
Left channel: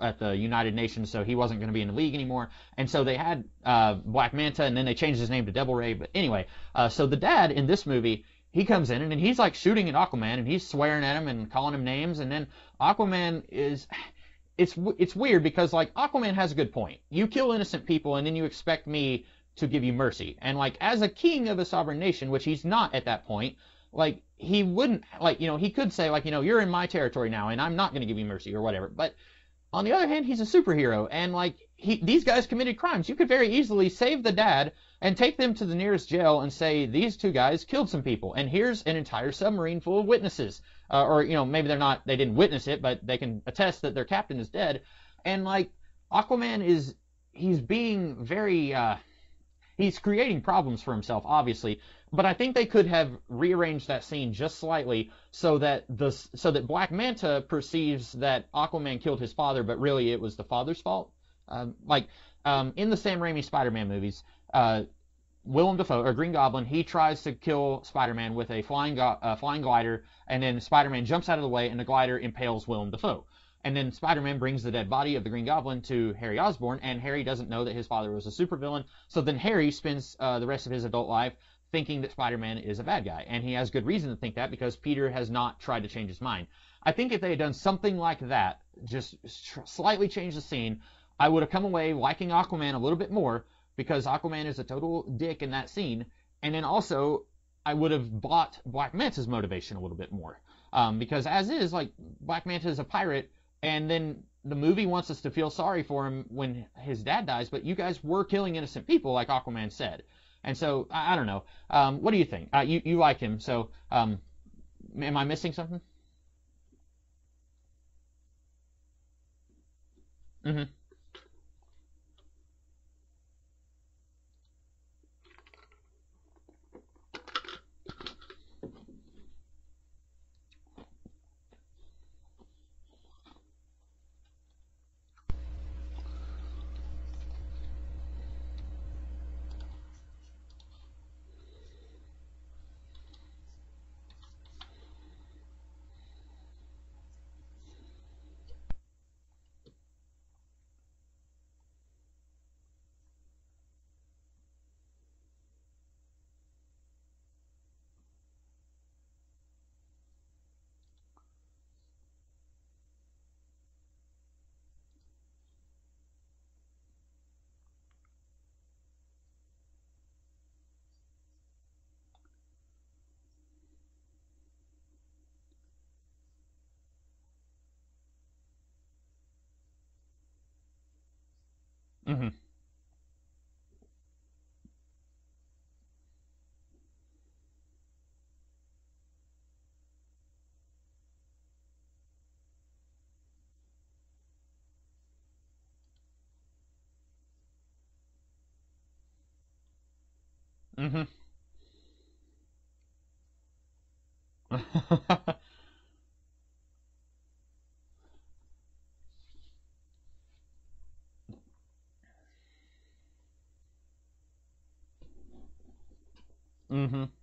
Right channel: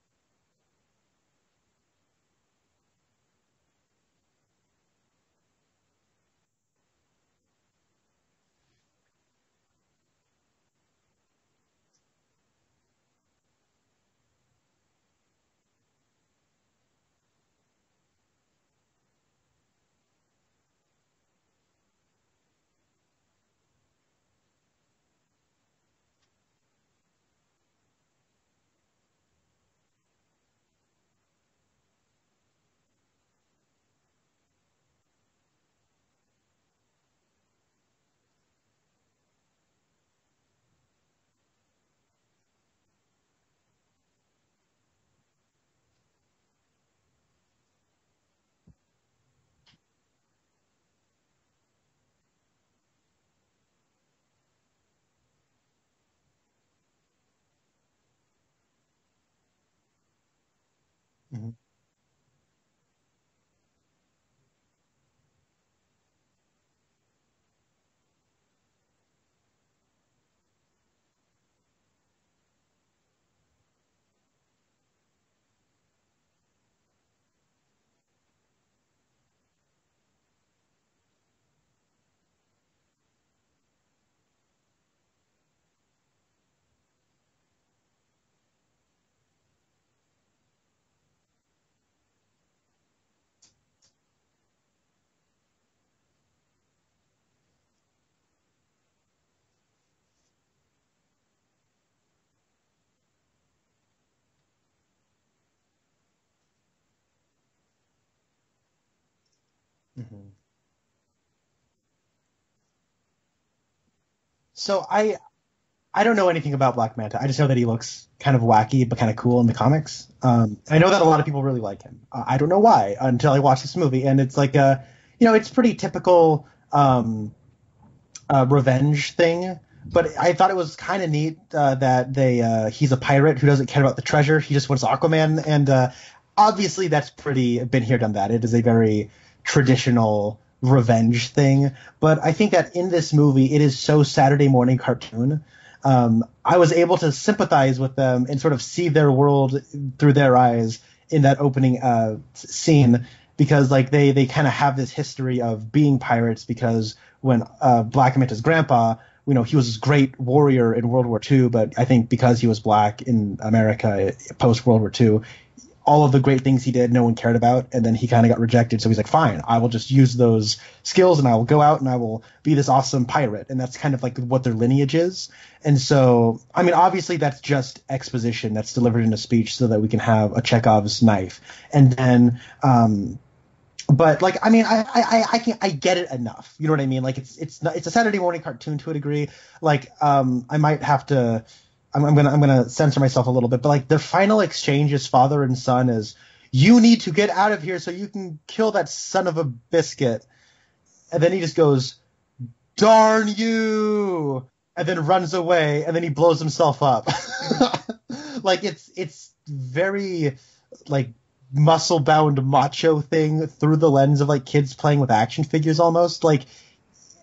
at the United Nations, so he wasn't going to be in the league anymore. And so they had Black Manta, and then they changed his name to Devil Ray. But anyway, so the dad in this movie, he comes in, and he's like shooting at Aquaman, and he's swearing at him and calling him names, and then Aquaman is... It's weird because, like, Aquaman has a good point. You kill innocent people, and then you expect me to give you mercy. And, like, as a king of a sovereign nation, which he's not at that point, like, he wouldn't, like, he could say, like, you're in my territory now, and I'm not going to give you mercy or whatever. But on the other hand, he's a superhero, and, like, these guys committed crimes. You could very easily save the dad and take them to the nearest jail and say, these two guys killed some people, and here's an entire submarine full of witnesses. Or maybe they didn't witness it, but they can attest that their captain is dead. And, like, Aquaman he's being very, he's creating problems for himself, obviously. But I think they could have rearranged that scene just slightly so that Black Manta perceives that Aquaman killed his father, but really it was the father's fault. Mm-hmm. In the Sam Raimi Spider-Man movies, Willem Dafoe, or Green Goblin, he tries to kill Spider-Man with a flying glider, and then Spider-Man jumps out of the way, and the glider impales Willem Dafoe. And then Spider-Man brings the dead body of the Green Goblin to Harry Osborn, and Harry doesn't know that his father was a supervillain, so then Harry spends the rest of his adult life thinking that Spider-Man is a bad guy. And he has good reason to think that because Peter has not tried to change his mind. I think if they had done something like that, just slightly change the scene, I would have come away liking Aquaman a little bit more because Aquaman is a total dick in that scene. And then also, I would have bought Black Manta's motivation a little bit more. Because as is, like, Black Manta is a pirate, and then the movie wants us to feel sorry for him when his dad dies, but you guys were killing innocent people, like Aquaman said. Mm-hmm. And so, I don't know. What do you think? You like him, so So Am I missing something? I don't know anything about Black Manta. I just know that he looks kind of wacky but kind of cool in the comics. Hmm. I know that a lot of people really like him. I don't know why until I watched this movie, and it's like it's pretty typical revenge thing. But I thought it was kind of neat that he's a pirate who doesn't care about the treasure. He just wants Aquaman, and obviously that's pretty been here, done that. It is a very traditional revenge thing. But I think that in this movie, it is so Saturday morning cartoon. I was able to sympathize with them and sort of see their world through their eyes in that opening scene, because like they kind of have this history of being pirates, because when Black Manta's grandpa, he was this great warrior in World War II, but I think because he was black in America post World War II, all of the great things he did, no one cared about, and then he kind of got rejected. So he's like, fine, I will just use those skills and I will go out and I will be this awesome pirate. And that's kind of like what their lineage is. And so, I mean, obviously that's just exposition that's delivered in a speech so that we can have a Chekhov's knife. And then, but like, I mean, I get it enough. You know what I mean? Like it's a Saturday morning cartoon to a degree. Like, I might have to, I'm gonna censor myself a little bit, but like their final exchange as father and son is, "You need to get out of here so you can kill that son of a biscuit," and then he just goes, "Darn you," and then runs away, and then he blows himself up. Like it's very like muscle bound macho thing through the lens of like kids playing with action figures almost, like,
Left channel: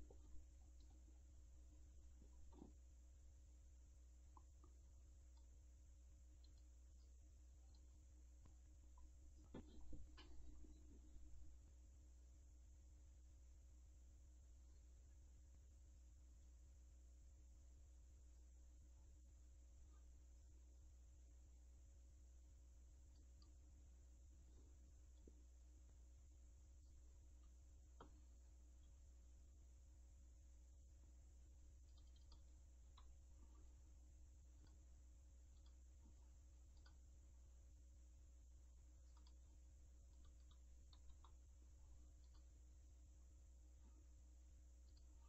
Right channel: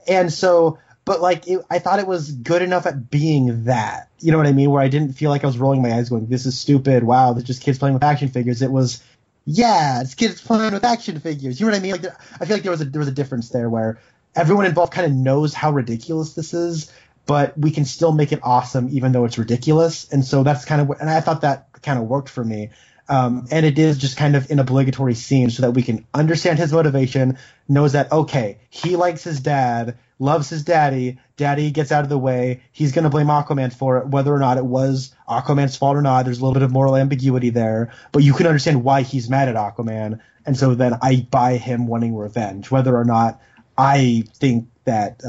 and so. But like, I thought it was good enough at being that, you know what I mean? Where I didn't feel like I was rolling my eyes going, "This is stupid. Wow, they're just kids playing with action figures." It was, yeah, it's kids playing with action figures. You know what I mean? Like, I feel like there was a difference there where everyone involved kind of knows how ridiculous this is, but we can still make it awesome even though it's ridiculous. And so that's kind of, and I thought that kind of worked for me. And it is just kind of an obligatory scene so that we can understand his motivation, knows that, okay, he likes his dad, loves his daddy gets out of the way, he's going to blame Aquaman for it, whether or not it was Aquaman's fault or not. There's a little bit of moral ambiguity there, but you can understand why he's mad at Aquaman, and so then I buy him wanting revenge, whether or not I think that,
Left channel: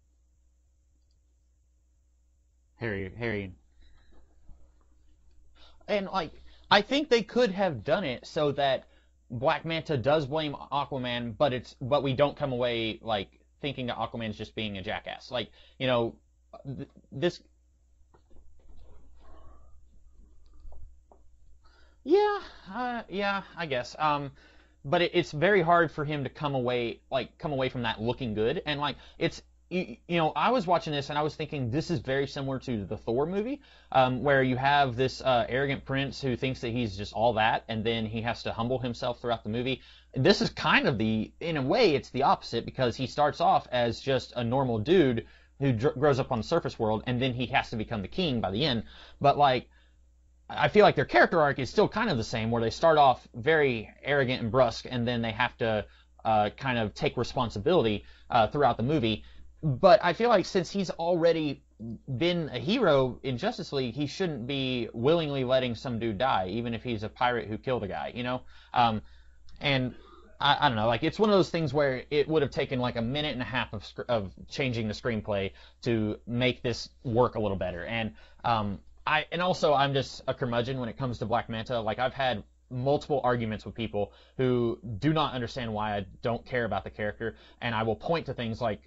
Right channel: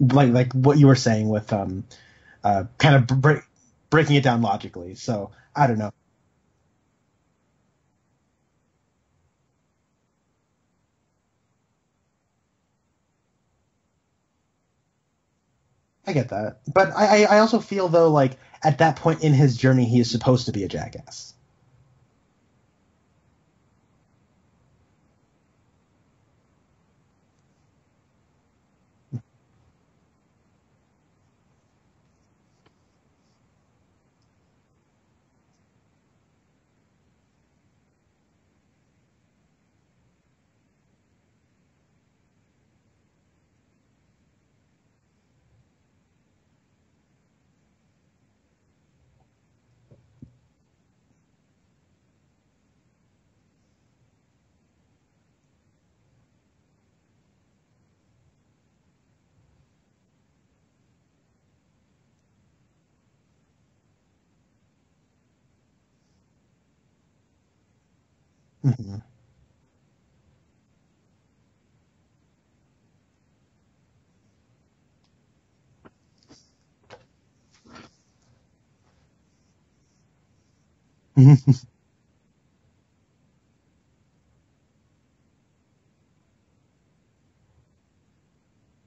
like what you were saying with kind of breaking it down logically. So I don't know. And like, I think they could have done it so that Black Manta does blame Aquaman, but we don't come away like thinking that Aquaman's just being a jackass. Like, I get that, but I also feel though, like at that point in his journey, he is supposed to be a jackass. Yeah, I guess. But it's very hard for him to come away from that looking good, and like it's. I was watching this and I was thinking this is very similar to the Thor movie, where you have this arrogant prince who thinks that he's just all that, and then he has to humble himself throughout the movie. This is kind of in a way, it's the opposite, because he starts off as just a normal dude who grows up on the surface world, and then he has to become the king by the end. But like, I feel like their character arc is still kind of the same, where they start off very arrogant and brusque, and then they have to kind of take responsibility throughout the movie. But I feel like since he's already been a hero in Justice League, he shouldn't be willingly letting some dude die, even if he's a pirate who killed a guy, And I don't know, like, it's one of those things where it would have taken like a minute and a half of changing the screenplay to make this work a little better. And also I'm just a curmudgeon when it comes to Black Manta. Like, I've had multiple arguments with people who do not understand why I don't care about the character, and I will point to things like,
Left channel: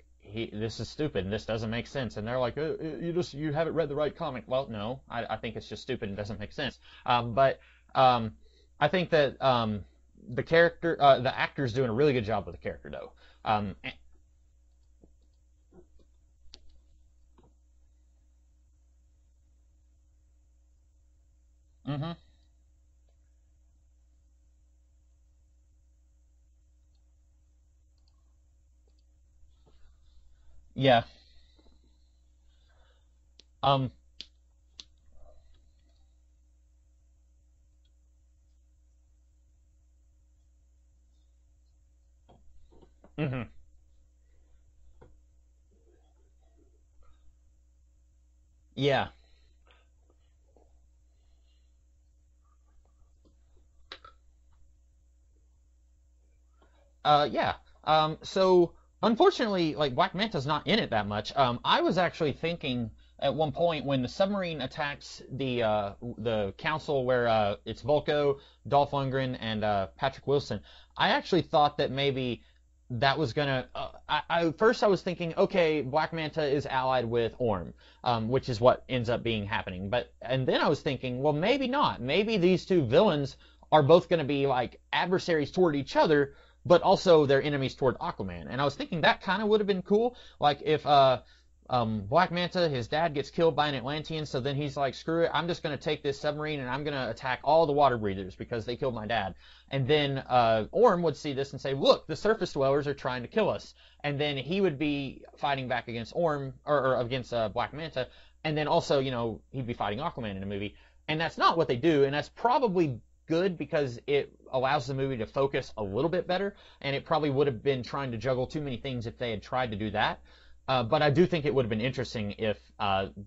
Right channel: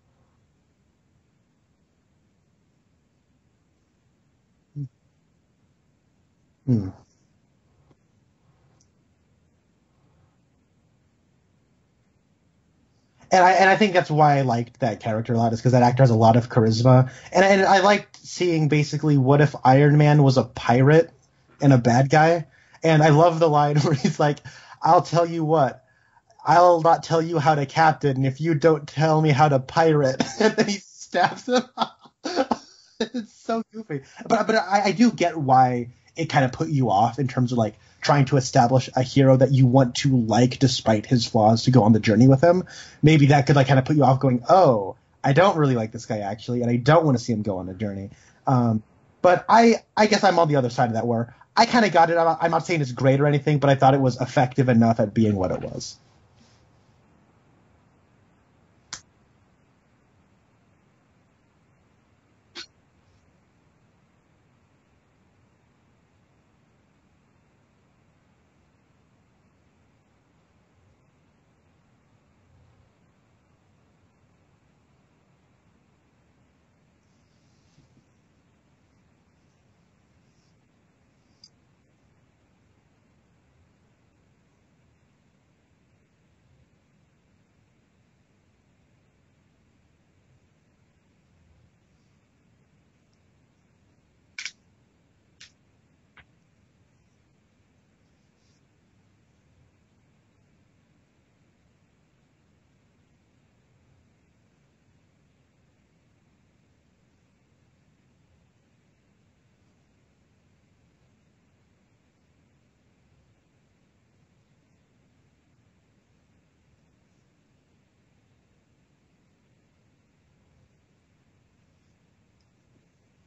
this is stupid and this doesn't make sense, and they're like, you haven't read the right comic. Well, no, I think it's just stupid and doesn't make sense. But I think that the character, the actor's doing a really good job with the character, though. And I think that's why I liked that character a lot, is because that actor has a lot of charisma, and I liked seeing basically what if Iron Man was a pirate and a bad guy. And I love the line where he's like, "I'll tell you what, I'll not tell you how to captain if you don't tell me how to pirate." And then he stabs him. It's so goofy. But I do get why it kind of put you off in terms of like trying to establish a hero that you want to like despite his flaws to go on the journey with him. Maybe that could like kind of put you off going, "Oh, I don't really like this guy actually, and I don't want to see him go on the journey." But I guess I'm on the other side of that, where I kind of got it. I'm not saying it's great or anything, but I thought it was effective enough at being what it was. So Unfortunately, like Black Manta's not in it that much. I was actually thinking at one point when the submarine attacks the council where it's Volko, Dolph Lundgren, and Patrick Wilson. I actually thought that maybe that was gonna. First I was thinking, okay, Black Manta is allied with Orm, which is what ends up being happening. And then I was thinking, well, maybe not. Maybe these two villains are both going to be like adversaries toward each other, but also they're enemies toward Aquaman. And I was thinking that kind of would have been cool. Like if Black Manta, his dad gets killed by an Atlantean, so then he's like, screw it, I'm just going to take this submarine and I'm going to attack all the water breathers because they killed my dad. And then Orm would see this and say, look, the surface dwellers are trying to kill us. And then he would be fighting back against Orm, or against Black Manta. And then also, you know, he'd be fighting Aquaman in the movie. And that's not what they do, and that's probably good because it allows the movie to focus a little bit better, and it probably would have been trying to juggle too many things if they had tried to do that. But I do think it would have been interesting if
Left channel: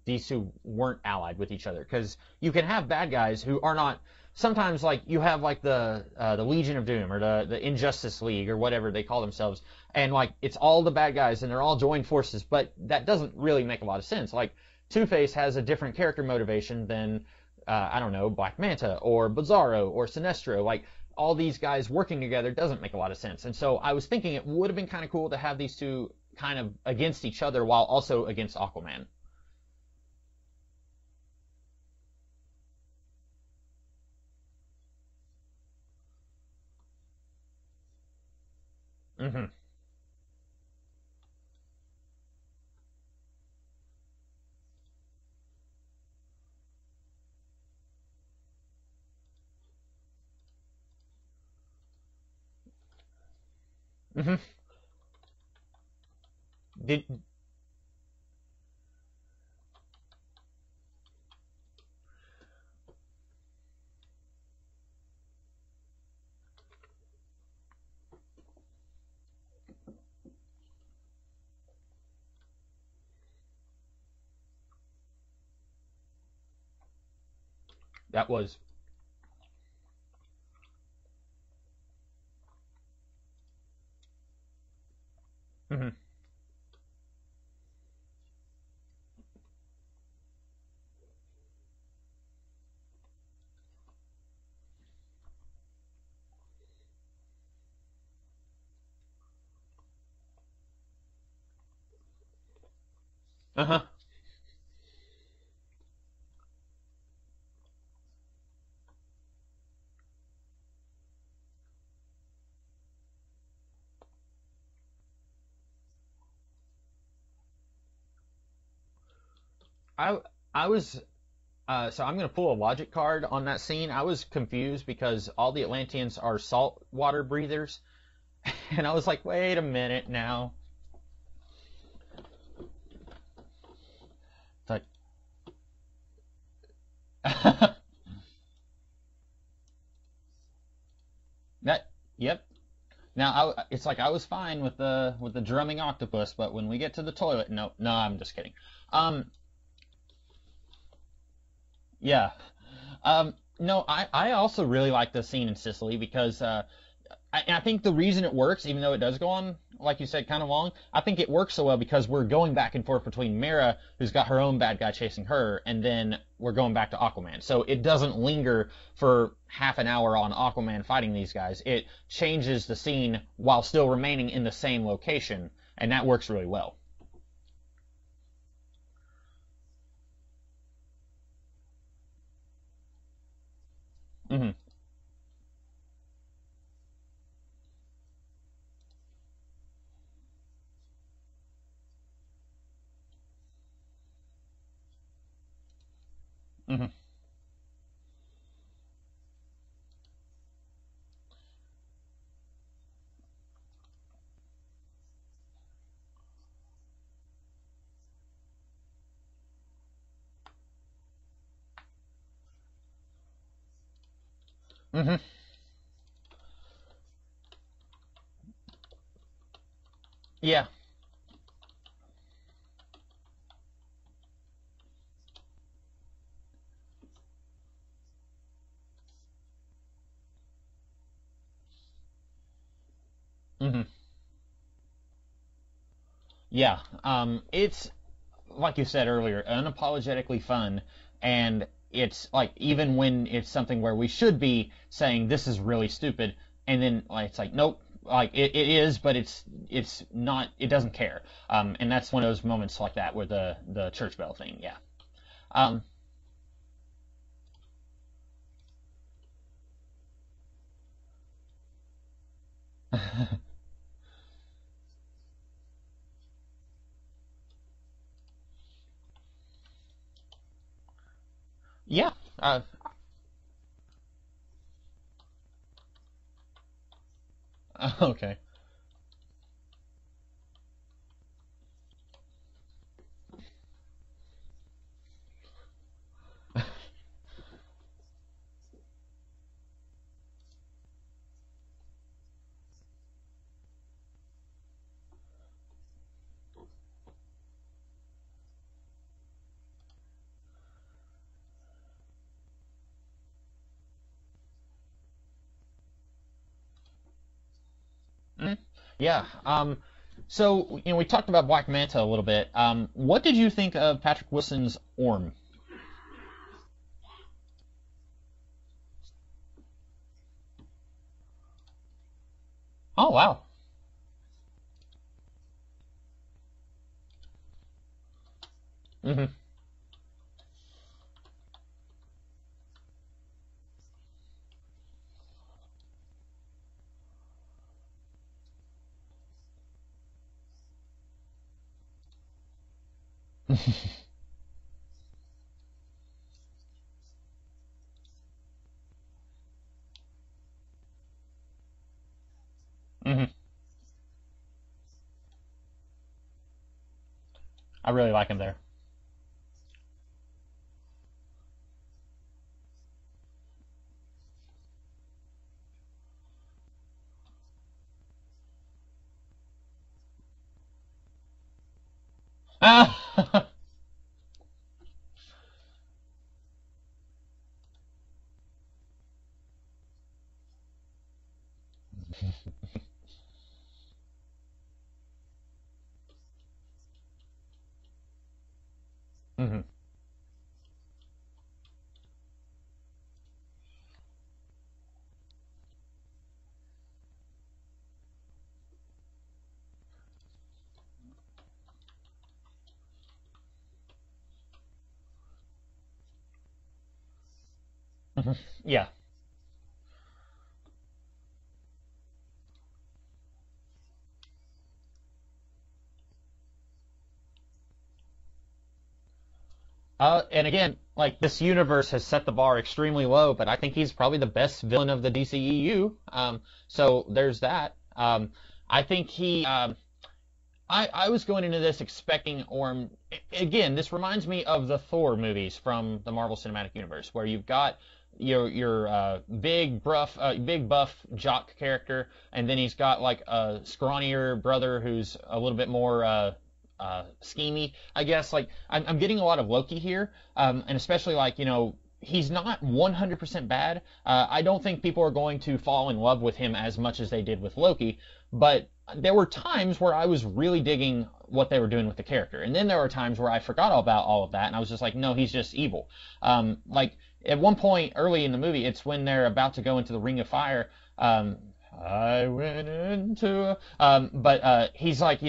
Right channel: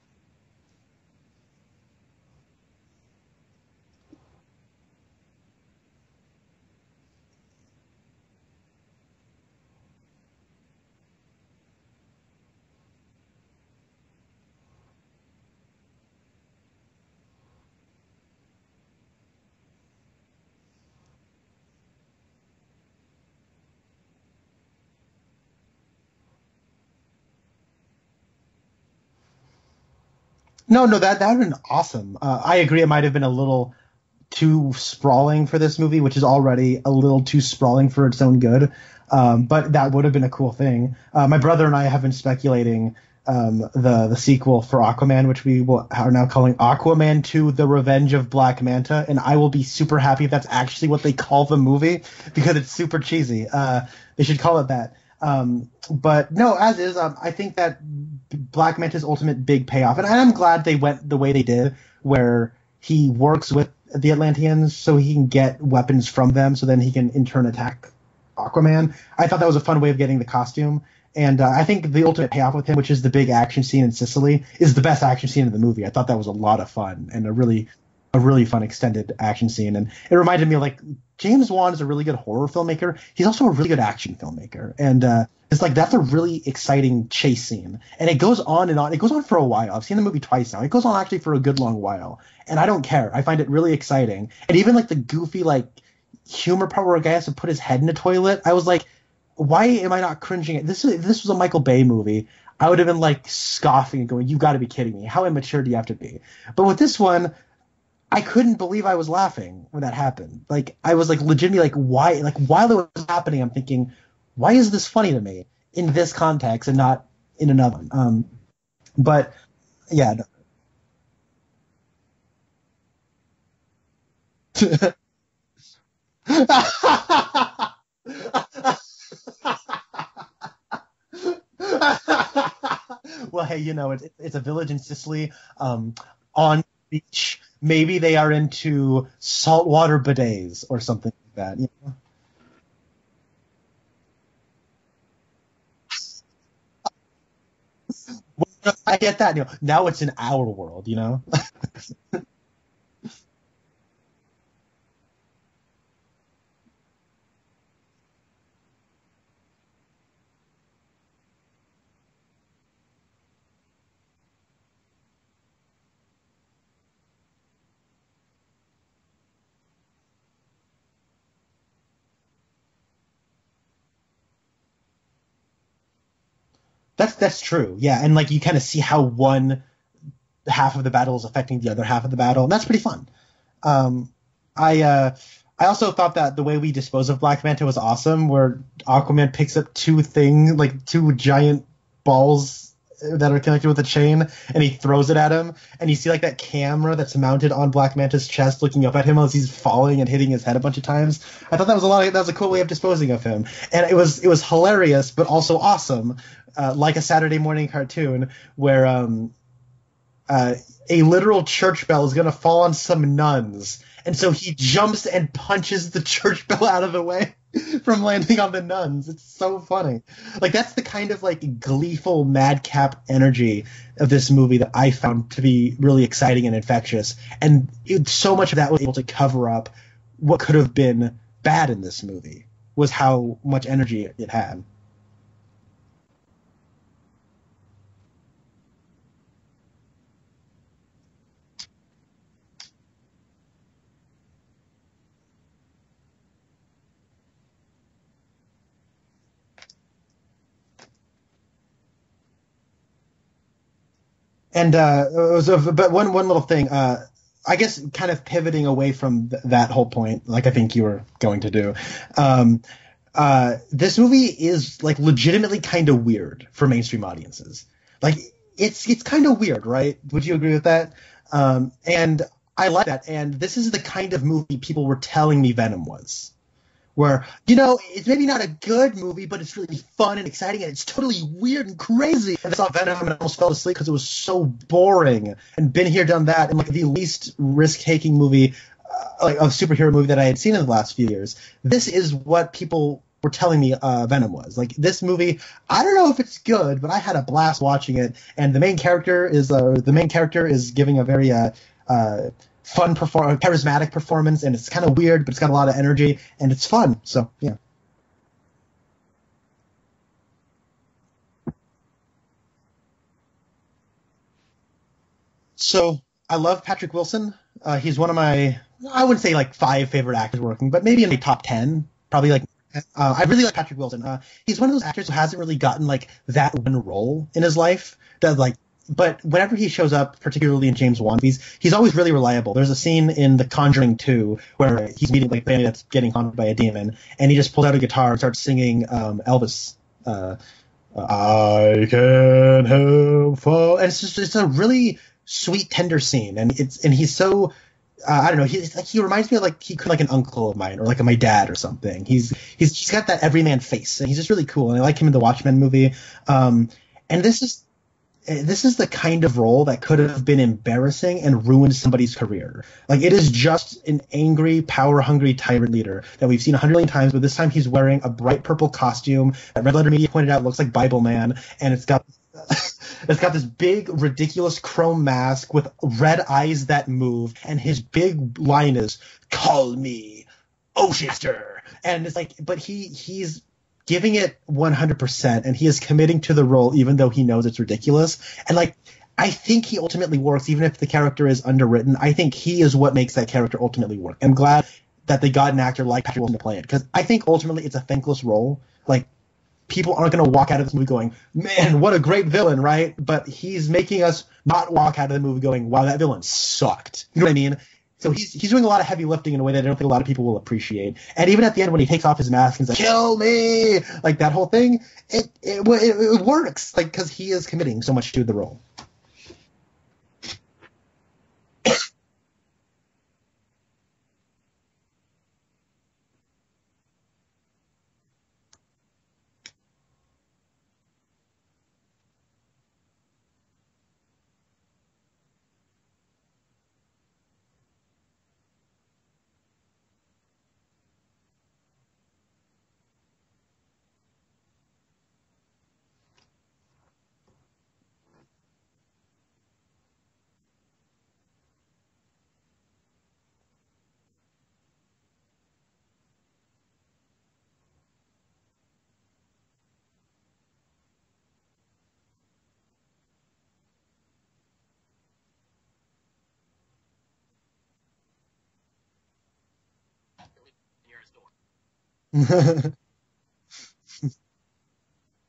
these two weren't allied with each other, because you can have bad guys who are not. Sometimes, like, you have like the Legion of Doom or the Injustice League or whatever they call themselves, and like it's all the bad guys and they're all joined forces, but that doesn't really make a lot of sense. Like Two-Face has a different character motivation than I don't know, Black Manta or Bizarro or Sinestro. Like all these guys working together doesn't make a lot of sense. And so I was thinking it would have been kind of cool to have these two kind of against each other while also against Aquaman. No, that would have been awesome. I agree. It might have been a little too sprawling for this movie, which is already a little too sprawling for its own good. But that would have been a cool thing. My brother and I have been speculating the sequel for Aquaman, which are now calling Aquaman 2: The Revenge of Black Manta, and I will be super happy if that's actually what they call the movie because it's super cheesy. They should call it that. But no, as is, I think that Black Manta's ultimate big payoff, and I'm glad they went the way they did, where he works with the Atlanteans so he can get weapons from them, so then he can in turn attack Aquaman. I thought that was a fun way of getting the costume. And I think the ultimate payoff with him, which is the big action scene in Sicily, is the best action scene in the movie. I thought that was a lot of fun and a really fun extended action scene. And it reminded me of, like, James Wan is a really good horror filmmaker. He's also a really good action filmmaker. And it's like that's a really exciting chase scene. And it goes on and on. It goes on for a while. I've seen the movie twice now. It goes on actually for a good long while. And I don't care. I find it really exciting. And even like the goofy like humor part where a guy has to put his head in a toilet, I was like, why am I not cringing at this? If this was a Michael Bay movie, I would have been like scoffing and going, "You've got to be kidding me! How immature do you have to be?" But with this one, I couldn't believe I was laughing when that happened. Like I was like legitimately like, why? Like while it was happening, I'm thinking, why is this funny to me in this context and not in another one? But yeah, I was. So I'm going to pull a logic card on that scene. I was confused because all the Atlanteans are water breathers. And I was like, wait a minute now. Well, hey, you know, it's a village in Sicily on the beach. Maybe they are into saltwater bidets or something like that. Yep. Now, it's like I was fine with the drumming octopus, but when we get to the toilet, no, I'm just kidding. I get that. You know, now it's in our world, you know? Yeah. No, I also really like the scene in Sicily because I think the reason it works, even though it does go on, like you said, kind of long, I think it works so well because we're going back and forth between Mera, who's got her own bad guy chasing her, and then we're going back to Aquaman. So it doesn't linger for half an hour on Aquaman fighting these guys. It changes the scene while still remaining in the same location, and that works really well. That's true, yeah. And like you kind of see how one half of the battle is affecting the other half of the battle, and that's pretty fun. I also thought that the way we dispose of Black Manta was awesome, where Aquaman picks up two giant balls that are connected with a chain, and he throws it at him, and you see like that camera that's mounted on Black Manta's chest looking up at him as he's falling and hitting his head a bunch of times. I thought that was a cool way of disposing of him, and it was hilarious but also awesome, like a Saturday morning cartoon where a literal church bell is gonna fall on some nuns. And so he jumps and punches the church bell out of the way from landing on the nuns. It's so funny. Like, that's the kind of, like, gleeful, madcap energy of this movie that I found to be really exciting and infectious. And so much of that was able to cover up what could have been bad in this movie, was how much energy it had. Yeah, it's like you said earlier, unapologetically fun, and it's like even when it's something where we should be saying this is really stupid, and then like it's like nope, like it is, but it's not. It doesn't care. And that's one of those moments like that with the church bell thing. And Um, but one little thing, I guess, kind of pivoting away from that whole point, like I think you were going to do. Um, this movie is like legitimately kind of weird for mainstream audiences. Like it's kind of weird, right? Would you agree with that? yeah. And I like that. And this is the kind of movie people were telling me Venom was. Where, you know, it's maybe Okay. not a good movie, but it's really fun and exciting, and it's totally weird and crazy. And I saw Venom and I almost fell asleep because it was so boring. And been here, done that, and like the least risk-taking movie, like a superhero movie that I had seen in the last few years. This is what people were telling me Venom was. Like this movie, I don't know if it's good, but I had a blast watching it. And the main character is giving a very charismatic performance, and it's kind of weird, but it's got a lot of energy, and it's fun. So yeah. Mhm. Yeah. So we talked about Black Manta a little bit. What did you think of Patrick Wilson's Orm? So I love Patrick Wilson. He's one of my, I wouldn't say like five favorite actors working, but maybe in the top 10. Probably like, Oh I wow. really like Patrick Wilson. He's one of those actors who hasn't really gotten like that one role in his life that like, but Hmm. whenever he shows up, particularly in James Wan movies, he's always really reliable. There's a scene in The Conjuring 2 where he's meeting like a family that's getting haunted by a demon, and he just pulls out a guitar and starts singing Elvis. Uh, I can't help fall. And it's a really sweet, tender scene, and he's so I don't know. He reminds me of like he could like an uncle of mine or like my dad or something. He's got that Hmm. everyman face, and he's just really cool. And I like him in the Watchmen movie. And I really like him there. this is the kind of role that could have been embarrassing and ruined somebody's career. Like it is just an angry, power-hungry tyrant leader that we've seen 100 million times, but this time he's wearing a bright purple costume that Red Letter Media pointed out looks like Bible Man, and it's got Ah. it's got this big, ridiculous chrome mask with red eyes that move, and his big line is, "Call me Oceanster." And it's like, but he's giving it 100%, and he is committing to the role even though he knows it's ridiculous. And like, I think he ultimately works, even if the character is underwritten. I think he is what makes that character ultimately work. I'm glad that they got an actor like Patrick Wilson to play it, because I think ultimately it's a thankless role. Like, people aren't going to walk out of this movie going, man, what a great villain, right? But he's making us not walk out of the movie going, wow, that villain sucked. You know what I mean? So he's doing a lot Yeah. of heavy lifting in a way that I don't think a lot of people will appreciate. And even at the end when he takes off his mask and says, kill me, like that whole thing, it works, like, because he is committing so much to the role. And again, like this universe has set the bar extremely low, but I think he's probably the best villain of the DCEU. So there's that. I think I was going into this expecting Orm. Again, this reminds me of the Thor movies from the Marvel Cinematic Universe, where you've got your big buff jock character, and then he's got like a scrawnier brother who's a little bit more schemy, I guess. Like I'm getting a lot of Loki here, and especially like he's not 100% bad. I don't think people are going to fall in love with him as much as they did with Loki, but there were times where I was really digging what they were doing with the character, and then there were times where I forgot all about all of that, and I was just like, no, he's just evil. Like at one point early in the movie, it's when they're about to go into the Ring of Fire. I went into, but he's like, I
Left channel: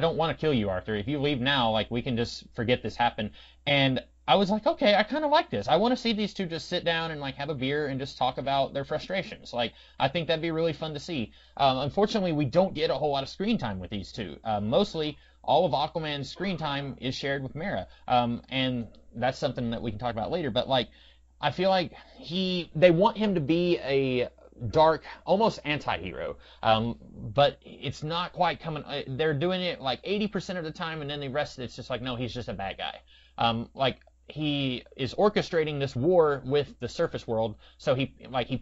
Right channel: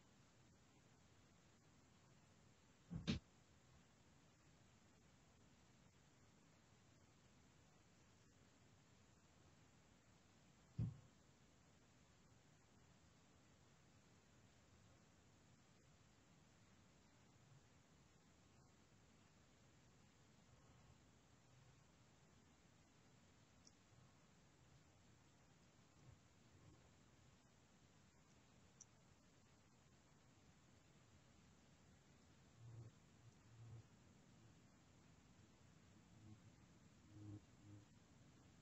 don't want to kill you, Arthur. If you leave now, like we can just forget this happened. And I was like, okay, I kind of like this. I want to see these two just sit down and like have a beer and just talk about their frustrations. Like, I think that'd be really fun to see. Unfortunately, we don't get a whole lot of screen time with these two. Mostly, all of Aquaman's screen time is shared with Mera, and that's something that we can talk about later. But like, I feel like they want him to be a dark, almost anti-hero, but it's not quite coming. They're doing it like 80% of the time, and then the rest it's just like, no, he's just a bad guy. Like he is orchestrating this war with the surface world, so he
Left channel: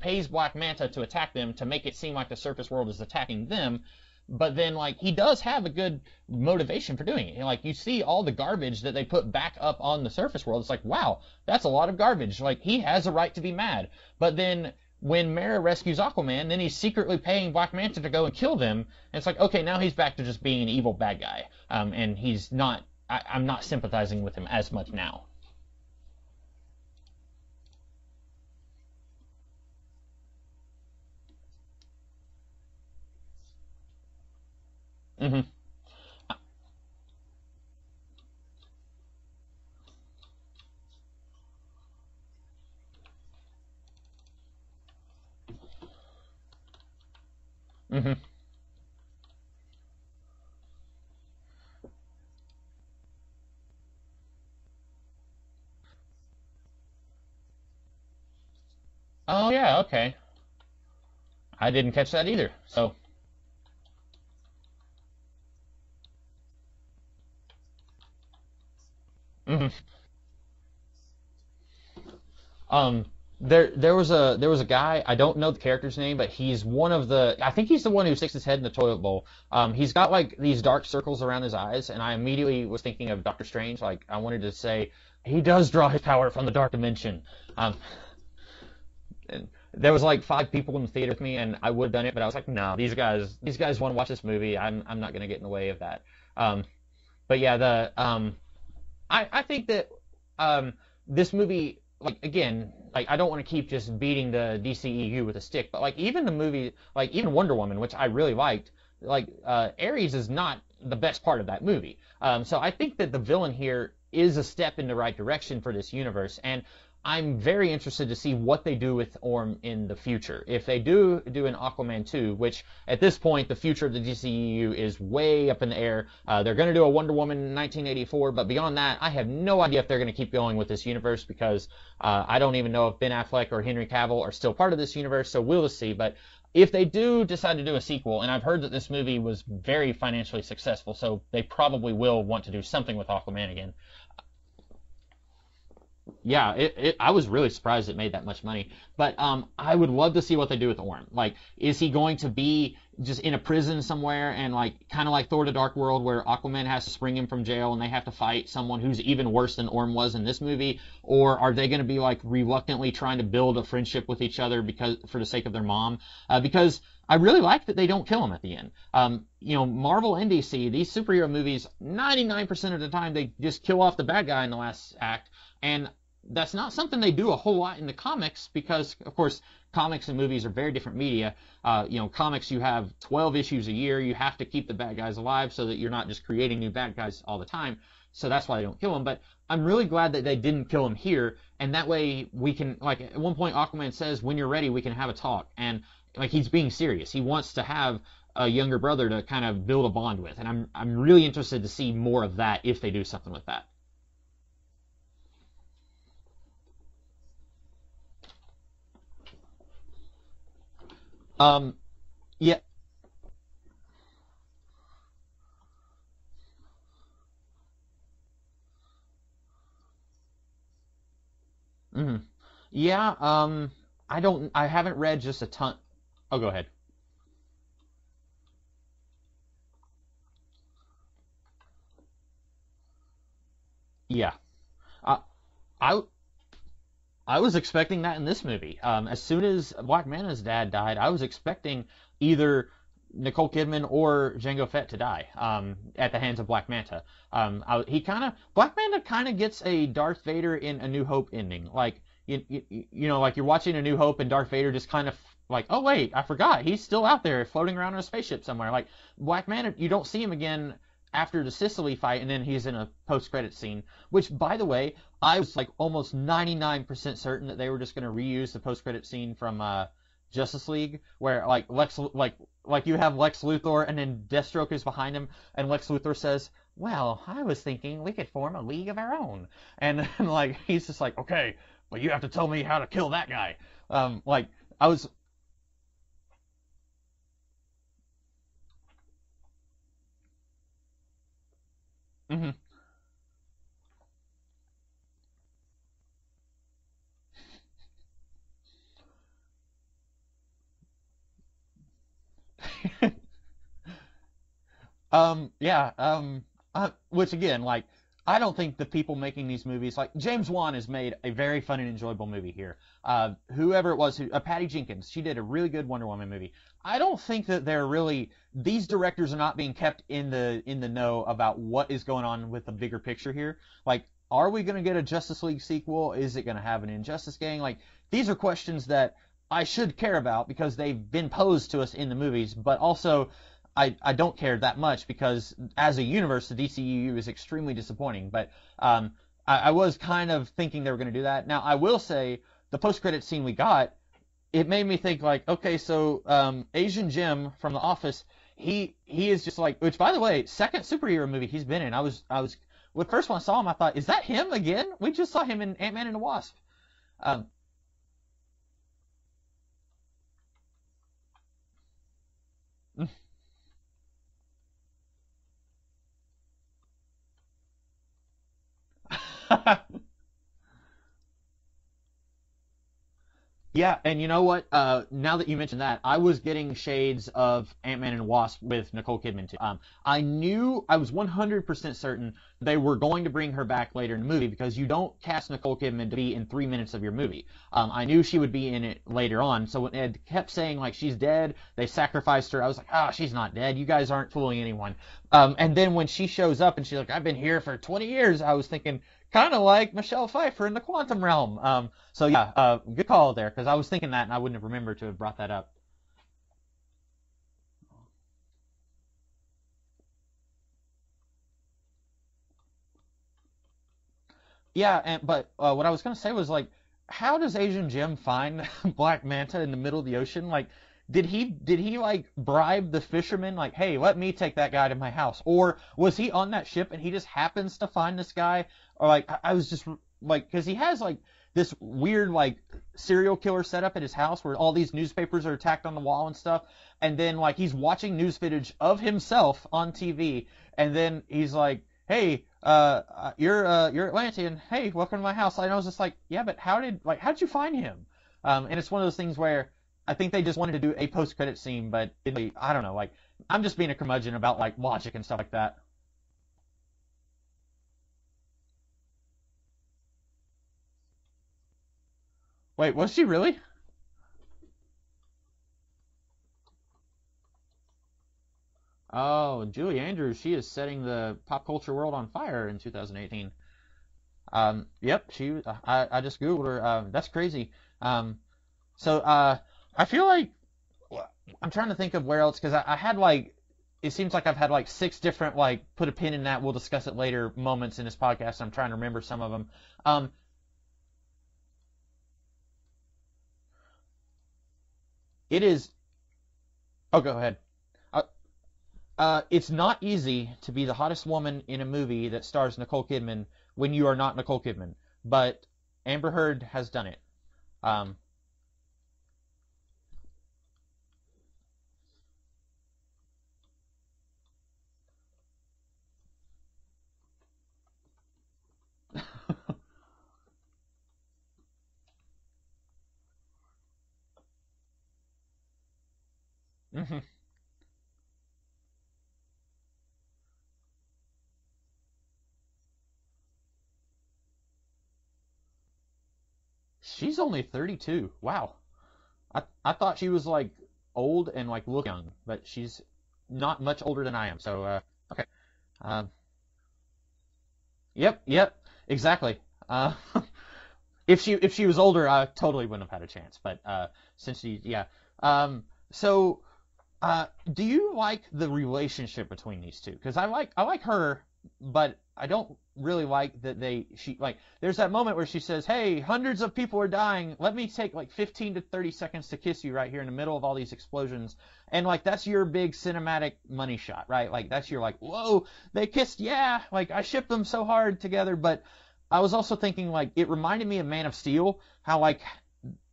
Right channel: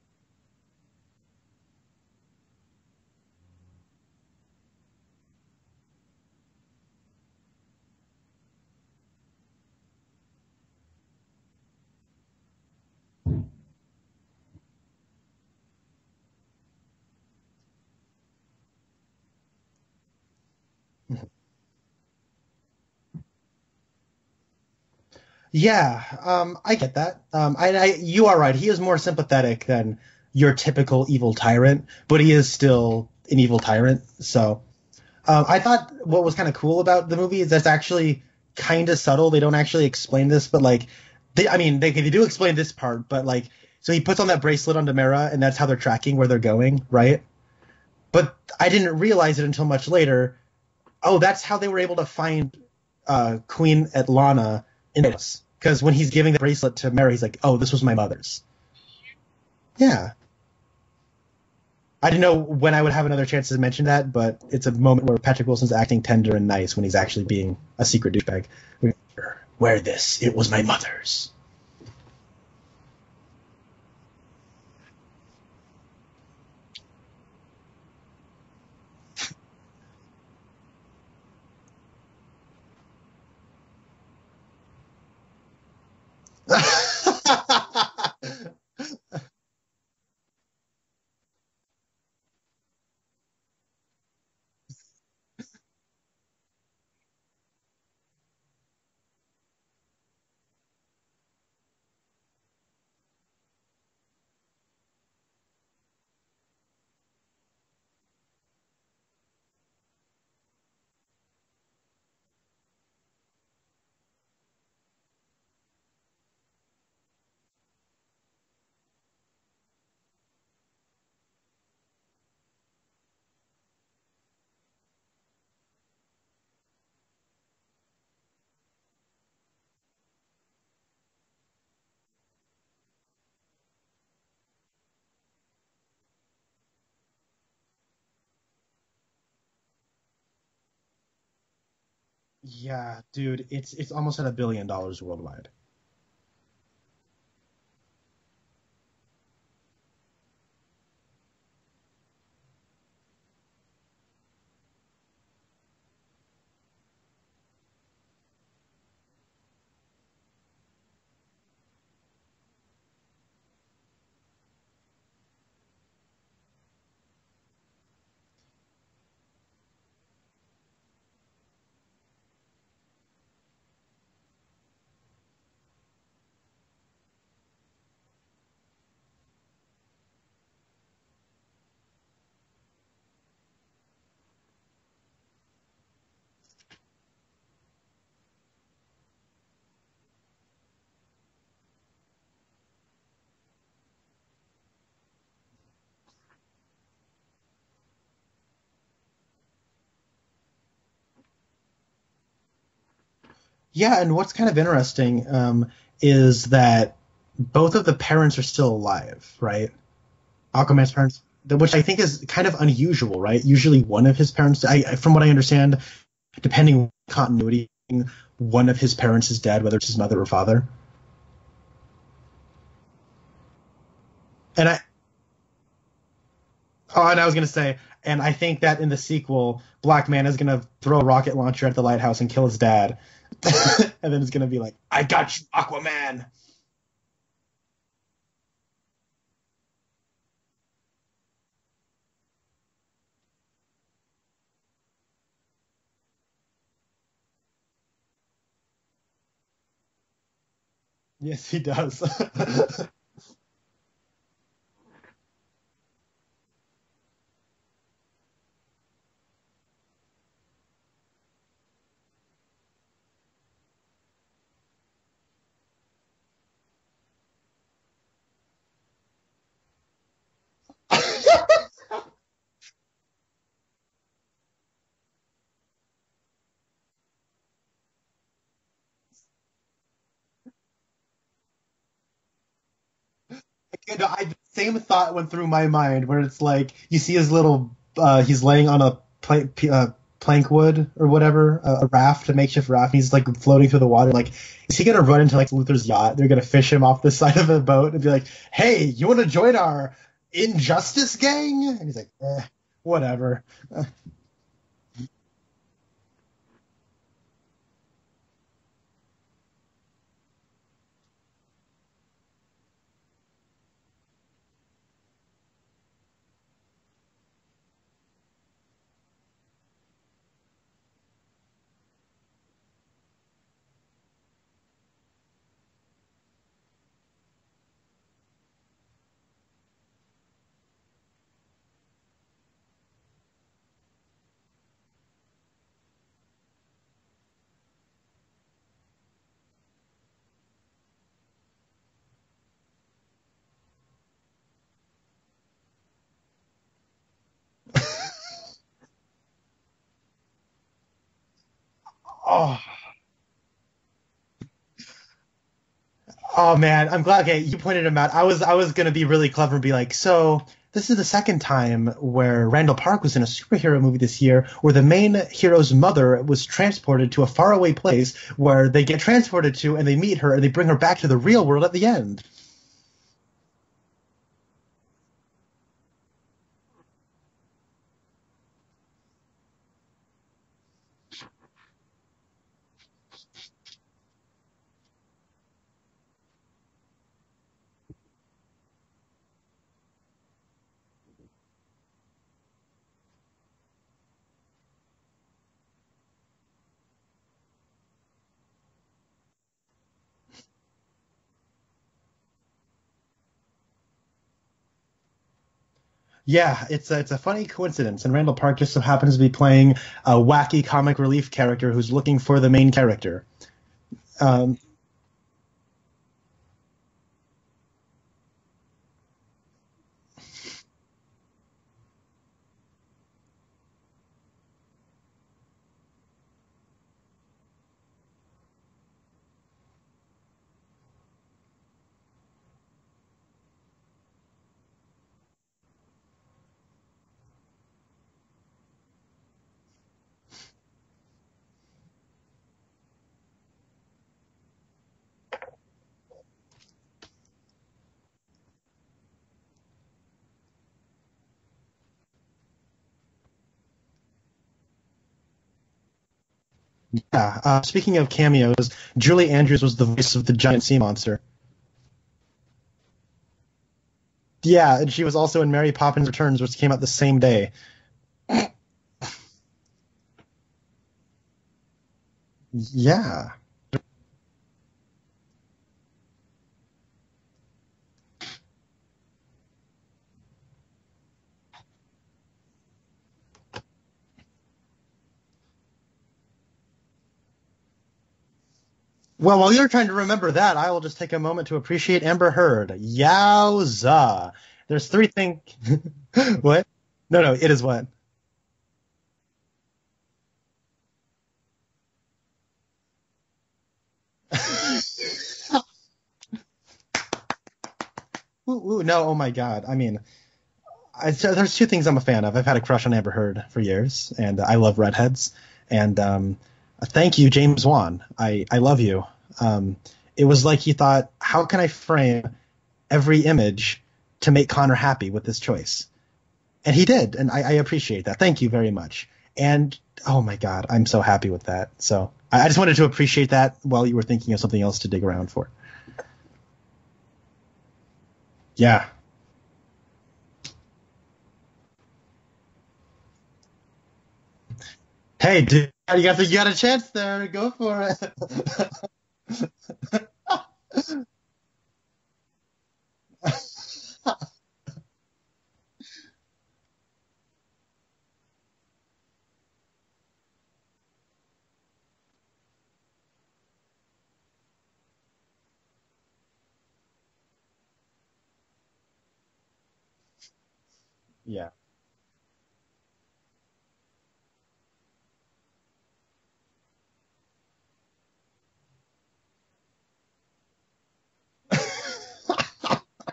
pays Black Manta to attack them to make it seem like the surface world is attacking them. But then, like, he does have a good motivation for doing it. Like, you see all the garbage that they put back up on the surface world. It's like, wow, that's a lot of garbage. Like, he has a right to be mad. But then when Mera rescues Aquaman, then he's secretly paying Black Manta to go and kill them. And it's like, okay, now he's back to just being an evil bad guy. And he's not. I'm not sympathizing with him as much now. Yeah, I get that. You are right. He is more sympathetic than your typical evil tyrant, but he is still an evil tyrant. So I thought what was kind of cool about the movie is that's actually kind of subtle. They don't actually explain this, but like, they do explain this part, but like, so he puts on that bracelet on Demera, and that's how they're tracking where they're going, right? But I didn't realize it until much later. Oh, that's how they were able to find Queen Atlana in this. Because when he's giving the bracelet to Mera, he's like, "Oh, this was my mother's." Oh yeah, okay. Yeah. I didn't catch that. I didn't know either. when I would have another chance to mention that, but it's a moment where Patrick Wilson's acting tender and nice when he's actually being a secret douchebag. Wear this. It was my mother's. There was a guy, I don't know the character's name, but he's I think he's the one who sticks his head in the toilet bowl. He's got like these dark circles around his eyes, and I immediately was thinking of Doctor Strange. Like, I wanted to say, he does draw his power from the dark dimension. And there was like 5 people in the theater with me, and I would have done it, but I was like, no, these guys want to watch this movie. I'm not gonna get in the way of that. But yeah, I think that this movie, like, again, like, I don't want to keep just beating the DCEU with a stick, but like, even the movie, like even Wonder Woman, which I really liked, like, Ares is not the best part of that movie. So I think that the villain here is a step in the right direction for this universe, and I'm very interested to see what they do with Orm in the future. If they do an Aquaman 2, which at this point the future of the DCEU is way up in the air. They're going to do a Wonder Woman in 1984, but beyond that, I have no idea if they're going to keep going with this universe, because I don't even know if Ben Affleck or Henry Cavill are still part of this universe, so we'll see. But if they do decide to do a sequel, and I've heard that this movie was very financially successful, so they probably will want to do something with Aquaman again. It's almost at $1 billion worldwide. Yeah, I was really surprised it made that much money. But I would love to see what they do with Orm. Like, is he going to be just in a prison somewhere, and like kind of like Thor: The Dark World, where Aquaman has to spring him from jail and they have to fight someone who's even worse than Orm was in this movie? Or are they going to be like reluctantly trying to build a friendship with each other because for the sake of their mom? Because I really like that they don't kill him at the end. Marvel and DC, these superhero movies, 99% of the time they just kill off the bad guy in the last act. And that's not something they do a whole lot in the comics, because, of course, comics and movies are very different media. Comics, you have 12 issues a year. You have to keep the bad guys alive so that you're not just creating new bad guys all the time. So that's why they don't kill him. But I'm really glad that they didn't kill him here. And that way we can, like, at one point Aquaman says, when you're ready, we can have a talk. And, like, he's being serious. He wants to have a younger brother to kind of build a bond with, and I'm really interested to see more of that if they do something with that. Yeah, and what's kind of interesting is that both of the parents are still alive, right? Aquaman's parents, which I think is kind of unusual, right? Usually one of his parents, from what I understand, depending on continuity, one of his parents is dead, whether it's his mother or father. Mm-hmm. Yeah, I haven't read just a ton. Oh, go ahead. Oh, and I was going to say, and I think that in the sequel, Black Man is going to throw a rocket launcher at the lighthouse and kill his dad. And then he's going to be like, I got you, Aquaman. I was expecting that in this movie. As soon as Black Manta's dad died, I was expecting either Nicole Kidman or Jango Fett to die at the hands of Black Manta. Black Manta kind of gets a Darth Vader in A New Hope ending. He does. Like, like you're watching A New Hope and Darth Vader just kind of like, oh wait, I forgot, he's still out there floating around in a spaceship somewhere. Like, Black Manta, you don't see him again after the Sicily fight, and then he's in a post-credit scene, which, by the way, I was like almost 99% certain that they were just going to reuse the post-credit scene from Justice League, where like you have Lex Luthor and then Deathstroke is behind him, and Lex Luthor says, well, I was thinking we could form a league of our own, and like he's just like, okay, but you have to tell me how to kill that guy. Same thought went through my mind, where it's like you see his little he's laying on a plank wood or whatever, a raft, a makeshift raft, and he's like floating through the water. Like, is he gonna run into like Luthor's yacht? They're gonna fish him off the side of a boat and be like, hey, you want to join our Injustice gang? And he's like, whatever. Which again, like, I don't think the people making these movies, like James Wan has made a very fun and enjoyable movie here. Whoever it was, Patty Jenkins, she did a really good Wonder Woman movie. I don't think that they're really, these directors are not being kept in the know about what is going on with the bigger picture here. Like, are we going to get a Justice League sequel? Is it going to have an Injustice gang? Like, these are questions that I should care about because they've been posed to us in the movies, but also I don't care that much because as a universe, the DCEU is extremely disappointing. But I was kind of thinking they were going to do that. Now, I will say the post-credit scene we got, it made me think like, okay, so Asian Jim from The Office, he is just like, which by the way, second superhero movie he's been in. I was when first when I saw him, I thought, is that him again? We just saw him in Ant-Man and the Wasp. Oh man, I'm glad. Okay, you pointed him out. I was gonna be really clever and be like, so this is the second time where Randall Park was in a superhero movie this year, where the main hero's mother was transported to a faraway place where they get transported to, and they meet her, and they bring her back to the real world at the end. Yeah, and you know what? Now that you mentioned that, I was getting shades of Ant-Man and Wasp with Nicole Kidman too. I was 100% certain they were going to bring her back later in the movie because you don't cast Nicole Kidman to be in 3 minutes of your movie. I knew she would be in it later on, so when Ed kept saying like she's dead, they sacrificed her. I was like, she's not dead. You guys aren't fooling anyone. And then when she shows up and she's like, I've been here for 20 years, I was thinking, kind of like Michelle Pfeiffer in the Quantum Realm. So yeah, good call there, because I was thinking that and I wouldn't have remembered to have brought that up. Yeah, it's a funny coincidence, and Randall Park just so happens to be playing a wacky comic relief character who's looking for the main character. But what I was going to say was, like, how does Asian Jim find Black Manta in the middle of the ocean? Like, did he like bribe the fisherman, like, hey, let me take that guy to my house? Or was he on that ship and he just happens to find this guy? Or like, I was just like, because he has like this weird like serial killer setup at his house where all these newspapers are tacked on the wall and stuff, and then like he's watching news footage of himself on TV, and then he's like, hey, you're Atlantean, hey, welcome to my house. And I was just like, yeah, but how'd you find him? And it's one of those things where I think they just wanted to do a post-credit scene, but I don't know, like, I'm just being a curmudgeon about like logic and stuff like that. Yeah, speaking of cameos, Julie Andrews was the voice of the giant sea monster. Wait, was she really? Yeah, and she was also in Mary Poppins Returns, which came out the same day. Oh, Julie Andrews, she is setting the pop culture world on fire in Yeah. 2019. Yep, I just Googled her. That's crazy. So I feel like I'm trying to think of where else, because I had like, it seems like I've had like 6 different like put a pin in that, we'll discuss it later moments in this podcast. I'm trying to remember. Well, while you're trying to remember that, I will just take a moment to appreciate Amber Heard. Yowza! There's 3 things. It is. What? No, it is what? It's not easy to be the hottest woman in a movie that stars Nicole Kidman when you are not Nicole Kidman. But Amber Heard has done it. No, oh my God. I mean, there's 2 things I'm a fan of. I've had a crush on Amber Heard for years, and I love redheads. And thank you, James Wan. I love you. It was like he thought, how can I frame every image to make Connor happy with this choice? And he did, and I appreciate that. Thank you very much. And, oh my God, I'm so happy with that. So I just wanted to appreciate that while you were thinking of something else to dig around for. She's only 32. Wow. Yeah. I thought she was like old and like look young, but she's not much older than I am. So hey, dude, you got a chance there. Go for it. Yep, exactly. If she was older, I totally wouldn't have had a chance. But since she, yeah. So do you like the relationship between these two? Because I like her, but I don't really like that there's that moment where she says, hey, hundreds of people are dying, let me take like 15 to 30 seconds to kiss you right here in the middle of all these explosions. Yeah. And like that's your big cinematic money shot, right? Like that's your like, whoa, they kissed, yeah, like I shipped them so hard together. But I was also thinking like it reminded me of Man of Steel, how like,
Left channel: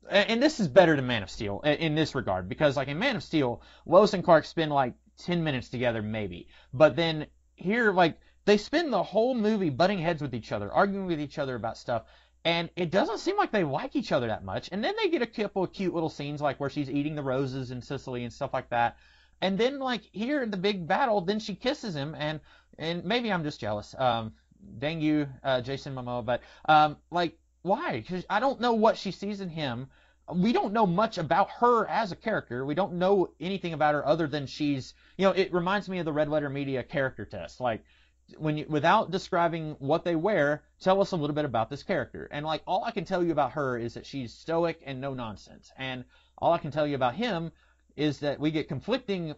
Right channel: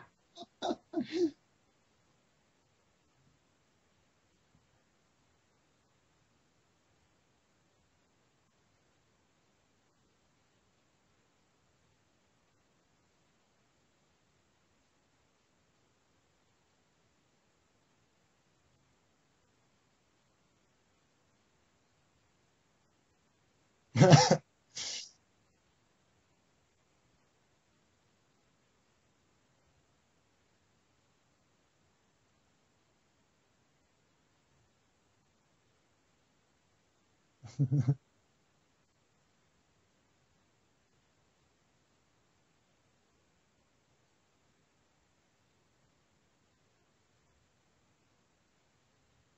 and this is better than Man of Steel in this regard, because like in Man of Steel, Lois and Clark spend like 10 minutes together maybe, but then here like they spend the whole movie butting heads with each other, arguing with each other about stuff, and it doesn't seem like they like each other that much. And then they get a couple of cute little scenes like where she's eating the roses in Sicily and stuff like that. And then like here in the big battle, then she kisses him, and maybe I'm just jealous. dang you, Jason Momoa, but like, why? 'Cause I don't know what she sees in him. We don't know much about her as a character. We don't know anything about her other than she's, it reminds me of the Red Letter Media character test. Like, without describing what they wear, tell us a little bit about this character. And like, all I can tell you about her is that she's stoic and no nonsense. And all I can tell you about him is that we get conflicting,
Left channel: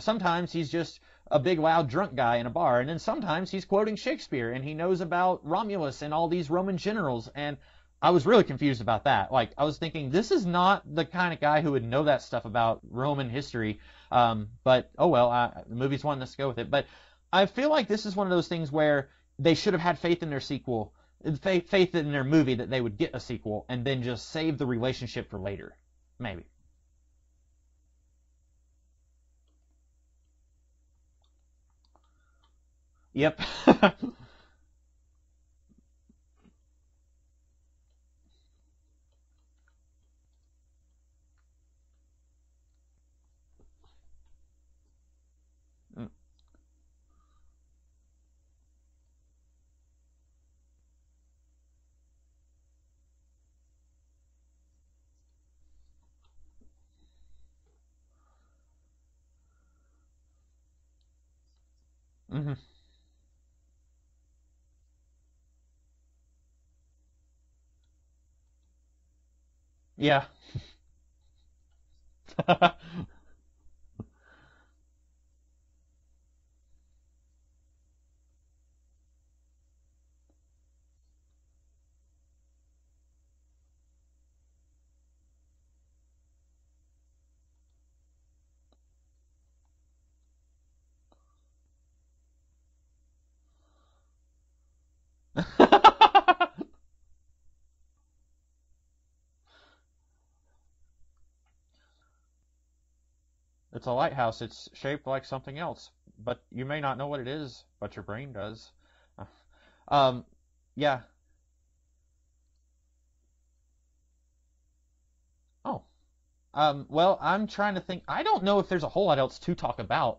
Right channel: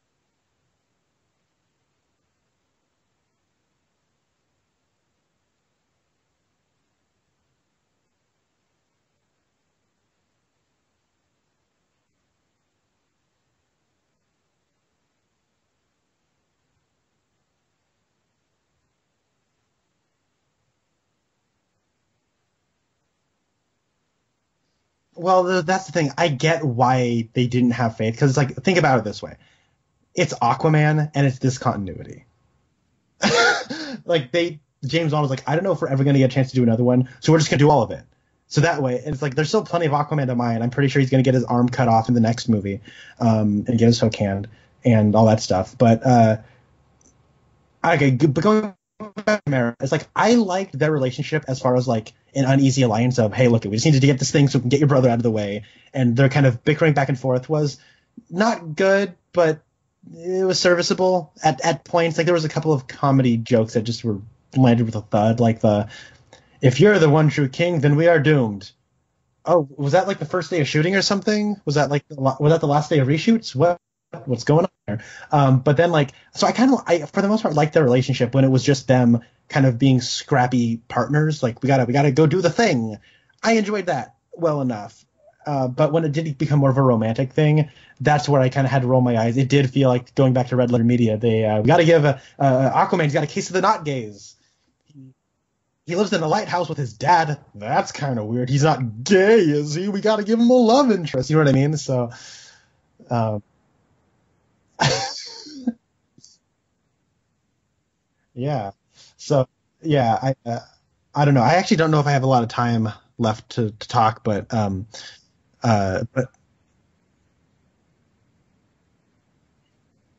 sometimes he's just a big loud drunk guy in a bar, and then sometimes he's quoting Shakespeare and he knows about Romulus and all these Roman generals. And I was really confused about that. Like, I was thinking, this is not the kind of guy who would know that stuff about Roman history. But oh well, the movie's one, let's go with it. But I feel like this is one of those things where they should have had faith in their sequel, faith in their movie that they would get a sequel, and then just save the relationship. Well, that's the thing. I get why they didn't have faith, because it's like, think about it this way: it's Aquaman and it's discontinuity. Yeah. Like James Wan was like, I don't know if we're ever going to get a chance to do another one, so we're just going to do all of it. So that way, it's like there's still plenty of Aquaman to mine. I'm pretty sure he's going to get his arm cut off in the next movie, and get his hook hand and all that stuff. But okay, but going back to Mara, it's like I liked their relationship as far as like an uneasy alliance of, hey, look, we just need to get this thing so we can get your brother out of the way, and their kind of bickering back and forth was not good, but it was serviceable at points. Like there was a couple of comedy jokes that just were landed with a thud, like if you're the one true king, then we are doomed. Oh, was that like the first day of shooting or something? Was that like was that the last day of reshoots? What's going on there? But then so I for the most part liked their relationship when it was just them kind of being scrappy partners. Like we gotta go do the thing. I enjoyed that well enough. But when it did become more of a romantic thing, that's where I kind of had to roll my eyes. It did feel like, going back to Red Letter Media, we got to give Aquaman's got a case of the not gays. He lives in a lighthouse with his dad. That's kind of weird. He's not gay, is he? We got to give him a love interest. You know what I mean? So it's a lighthouse. It's shaped like something else, but you may not know what it is, but your brain does. Yeah. So I don't know. I actually don't know if I have a lot of time left to talk, but well, I'm trying to think. I don't know if there's a whole lot else to talk about.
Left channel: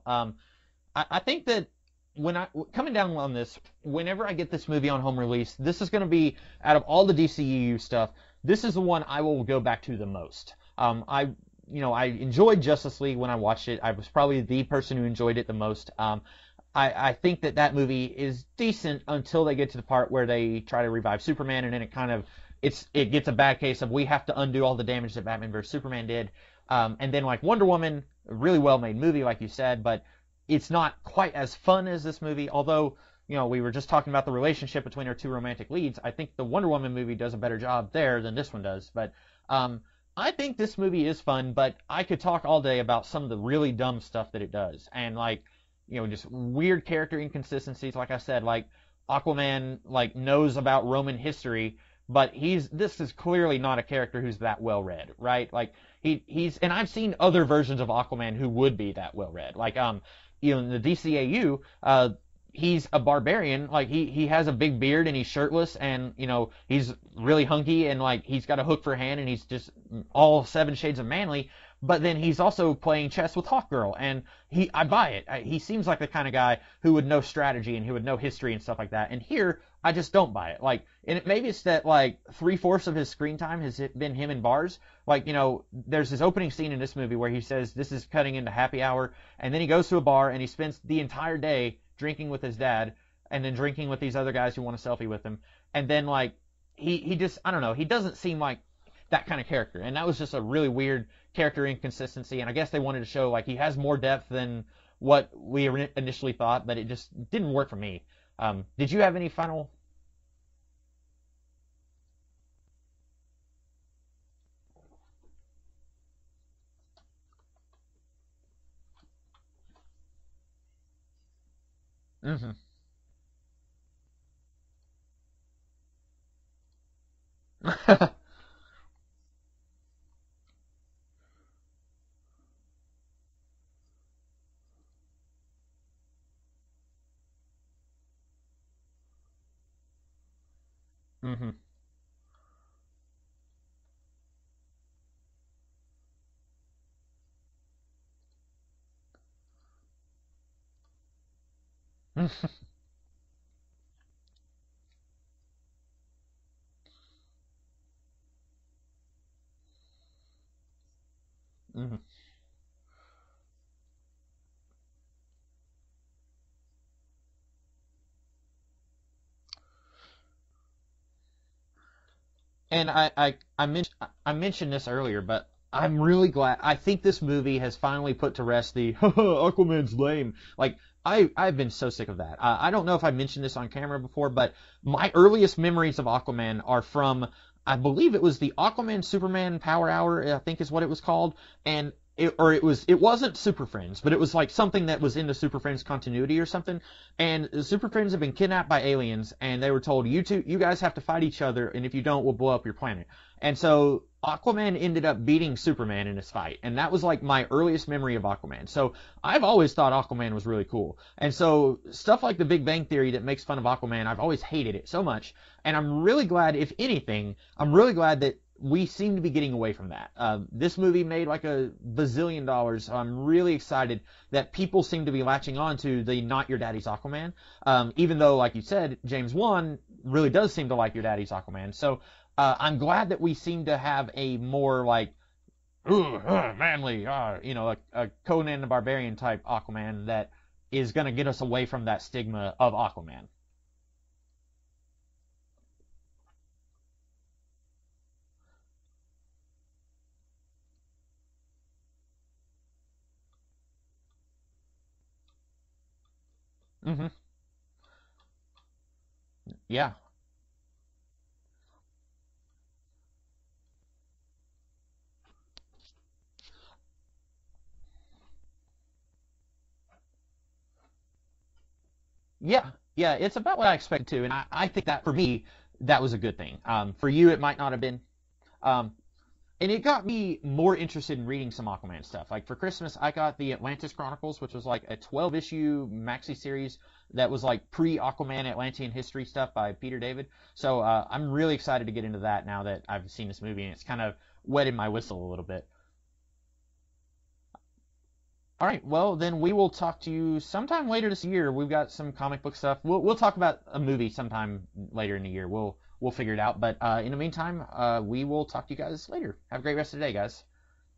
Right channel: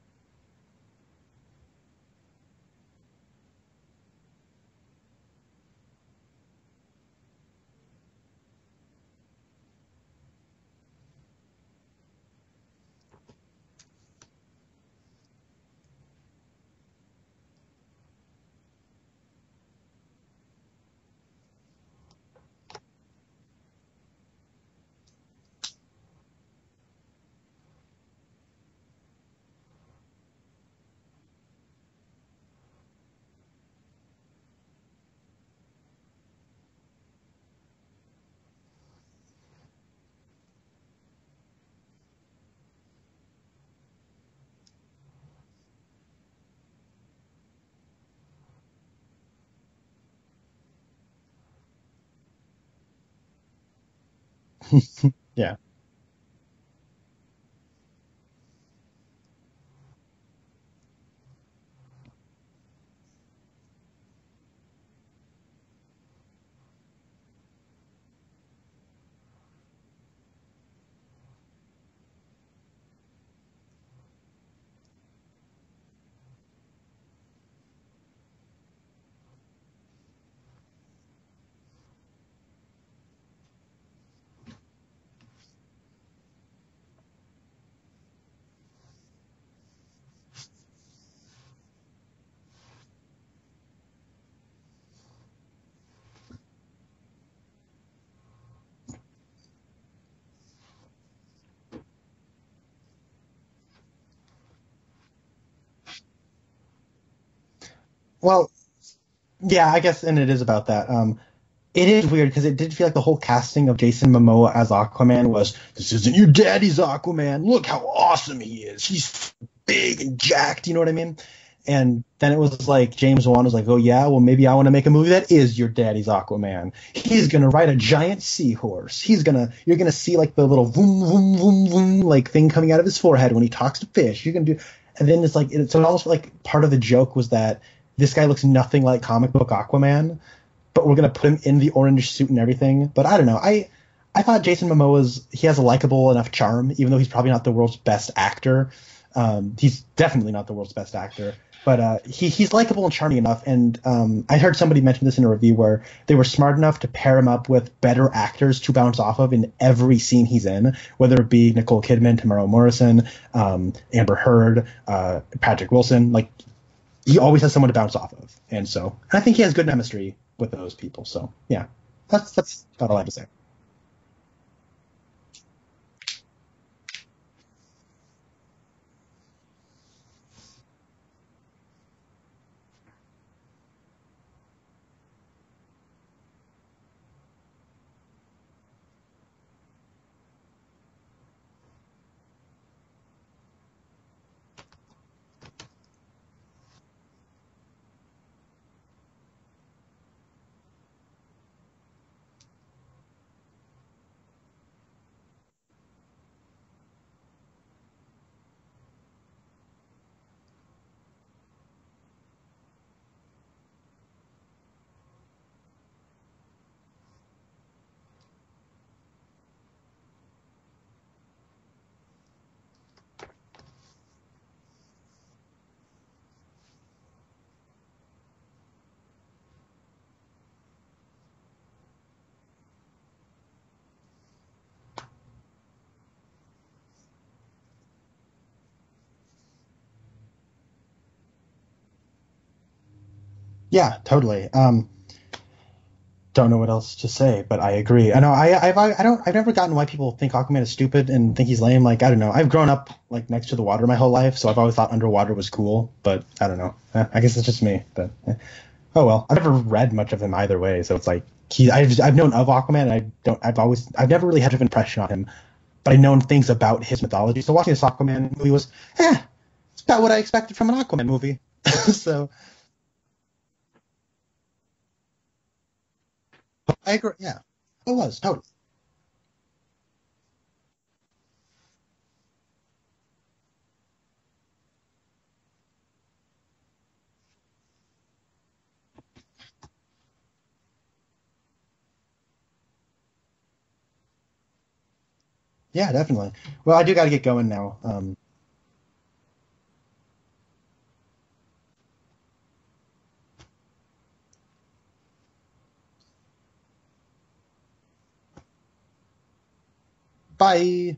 I think that coming down on this, whenever I get this movie on home release, this is going to be, out of all the DCEU stuff, this is the one I will go back to the most. I enjoyed Justice League when I watched it. I was probably the person who enjoyed it the most. I think that movie is decent until they get to the part where they try to revive Superman, and then it gets a bad case of we have to undo all the damage that Batman vs Superman did. And then like Wonder Woman, a really well made movie like you said, but it's not quite as fun as this movie. Although, we were just talking about the relationship between our two romantic leads. I think the Wonder Woman movie does a better job there than this one does. But I think this movie is fun, but I could talk all day about some of the really dumb stuff that it does. And just weird character inconsistencies. Like I said, like Aquaman knows about Roman history, but this is clearly not a character who's that well read, right? Yeah. Like he's and I've seen other versions of Aquaman who would be that well read. Like in the DCAU, he's a barbarian. Like he has a big beard and he's shirtless and he's really hunky and he's got a hook for a hand and he's just all 7 shades of manly. But then he's also playing chess with Hawkgirl, and I buy it. He seems like the kind of guy who would know strategy and who would know history and stuff like that. And here, I just don't buy it. Maybe it's that 3/4 of his screen time has been him in bars. There's this opening scene in this movie where he says this is cutting into happy hour, and then he goes to a bar and he spends the entire day drinking with his dad, and then drinking with these other guys who want a selfie with him. And then he just, I don't know, he doesn't seem like that kind of character. And that was just a really weird character inconsistency, and I guess they wanted to show he has more depth than what we initially thought, but it just didn't work for me. Well, did you have any fun? Yeah, I guess, and it is about that. It is weird because it did feel like the whole casting of Jason Momoa as Aquaman was, this isn't your daddy's Aquaman. Look how awesome he is. He's big and jacked. You know what I mean? And then it was like James Wan was like, oh yeah, well maybe I want to make a movie that is your daddy's Aquaman. He's gonna ride a giant seahorse. You're gonna see the little boom boom boom boom thing coming out of his forehead when he talks to fish. You're gonna do, and then it's so almost part of the joke was that this guy looks nothing like comic book Aquaman, but we're gonna put him in the orange suit and everything. But I don't know. I thought Jason Momoa he has a likable enough charm, even though he's probably not the world's best actor. He's definitely not the world's best actor. But he's likable and charming enough, and I heard somebody mention this in a review where they were smart enough to pair him up with better actors to bounce off of in every scene he's in, whether it be Nicole Kidman, Tamara Morrison, Amber Heard, Patrick Wilson. Like, he always has someone to bounce off of, and so I think he has good chemistry with those people. So yeah, that's. And I mentioned this earlier, but I'm really glad. I think this movie has finally put to rest the Aquaman's lame. Like, I've been so sick of that. I don't know if I mentioned this on camera before, but my earliest memories of Aquaman are from, I believe it was the Aquaman Superman Power Hour, I think is what it was called, and it wasn't Super Friends, but it was like something that was in the Super Friends continuity or something. And the Super Friends have been kidnapped by aliens, and they were told, you guys have to fight each other, and if you don't, we'll blow up your planet. And so Aquaman ended up beating Superman in his fight, and that was like my earliest memory of Aquaman. So I've always thought Aquaman was really cool. And so stuff like the Big Bang Theory that makes fun of Aquaman, I've always hated it so much. And I'm really glad, if anything, I'm really glad that we seem to be getting away from that. This movie made like $1 bazillion. So I'm really excited that people seem to be latching on to the Not Your Daddy's Aquaman. Even though, like you said, James Wan really does seem to like Your Daddy's Aquaman. So I'm glad that we seem to have a more like, manly, a Conan the Barbarian type Aquaman that is going to get us away from that stigma of Aquaman. Yeah, totally. Don't know what else to say, but I agree. I know I've never gotten why people think Aquaman is stupid and think he's lame. Like, I don't know. I've grown up like next to the water my whole life, so I've always thought underwater was cool. But I don't know. Mm-hmm. I guess it's just me. But oh well. I've never read much of him either way, so it's like I've known of Aquaman. And I've never really had an impression on him, but I've known things about his mythology. So watching this Aquaman movie was, it's about what I expected from an Aquaman movie. So yeah, it's about what I expected too, and I think that for me, that was a good thing. For you, it might not have been. It was, totally. And it got me more interested in reading some Aquaman stuff. Like, for Christmas, I got the Atlantis Chronicles, which was like a 12-issue maxi series that was like pre-Aquaman Atlantean history stuff by Peter David. So I'm really excited to get into that now that I've seen this movie, and it's kind of wetted my whistle a little bit. Yeah, definitely. Well, I do got to get going now. All right, well, then we will talk to you sometime later this year. We've got some comic book stuff. We'll talk about a movie sometime later in the year. We'll figure it out. But in the meantime, we will talk to you guys later. Have a great rest of the day, guys. Bye.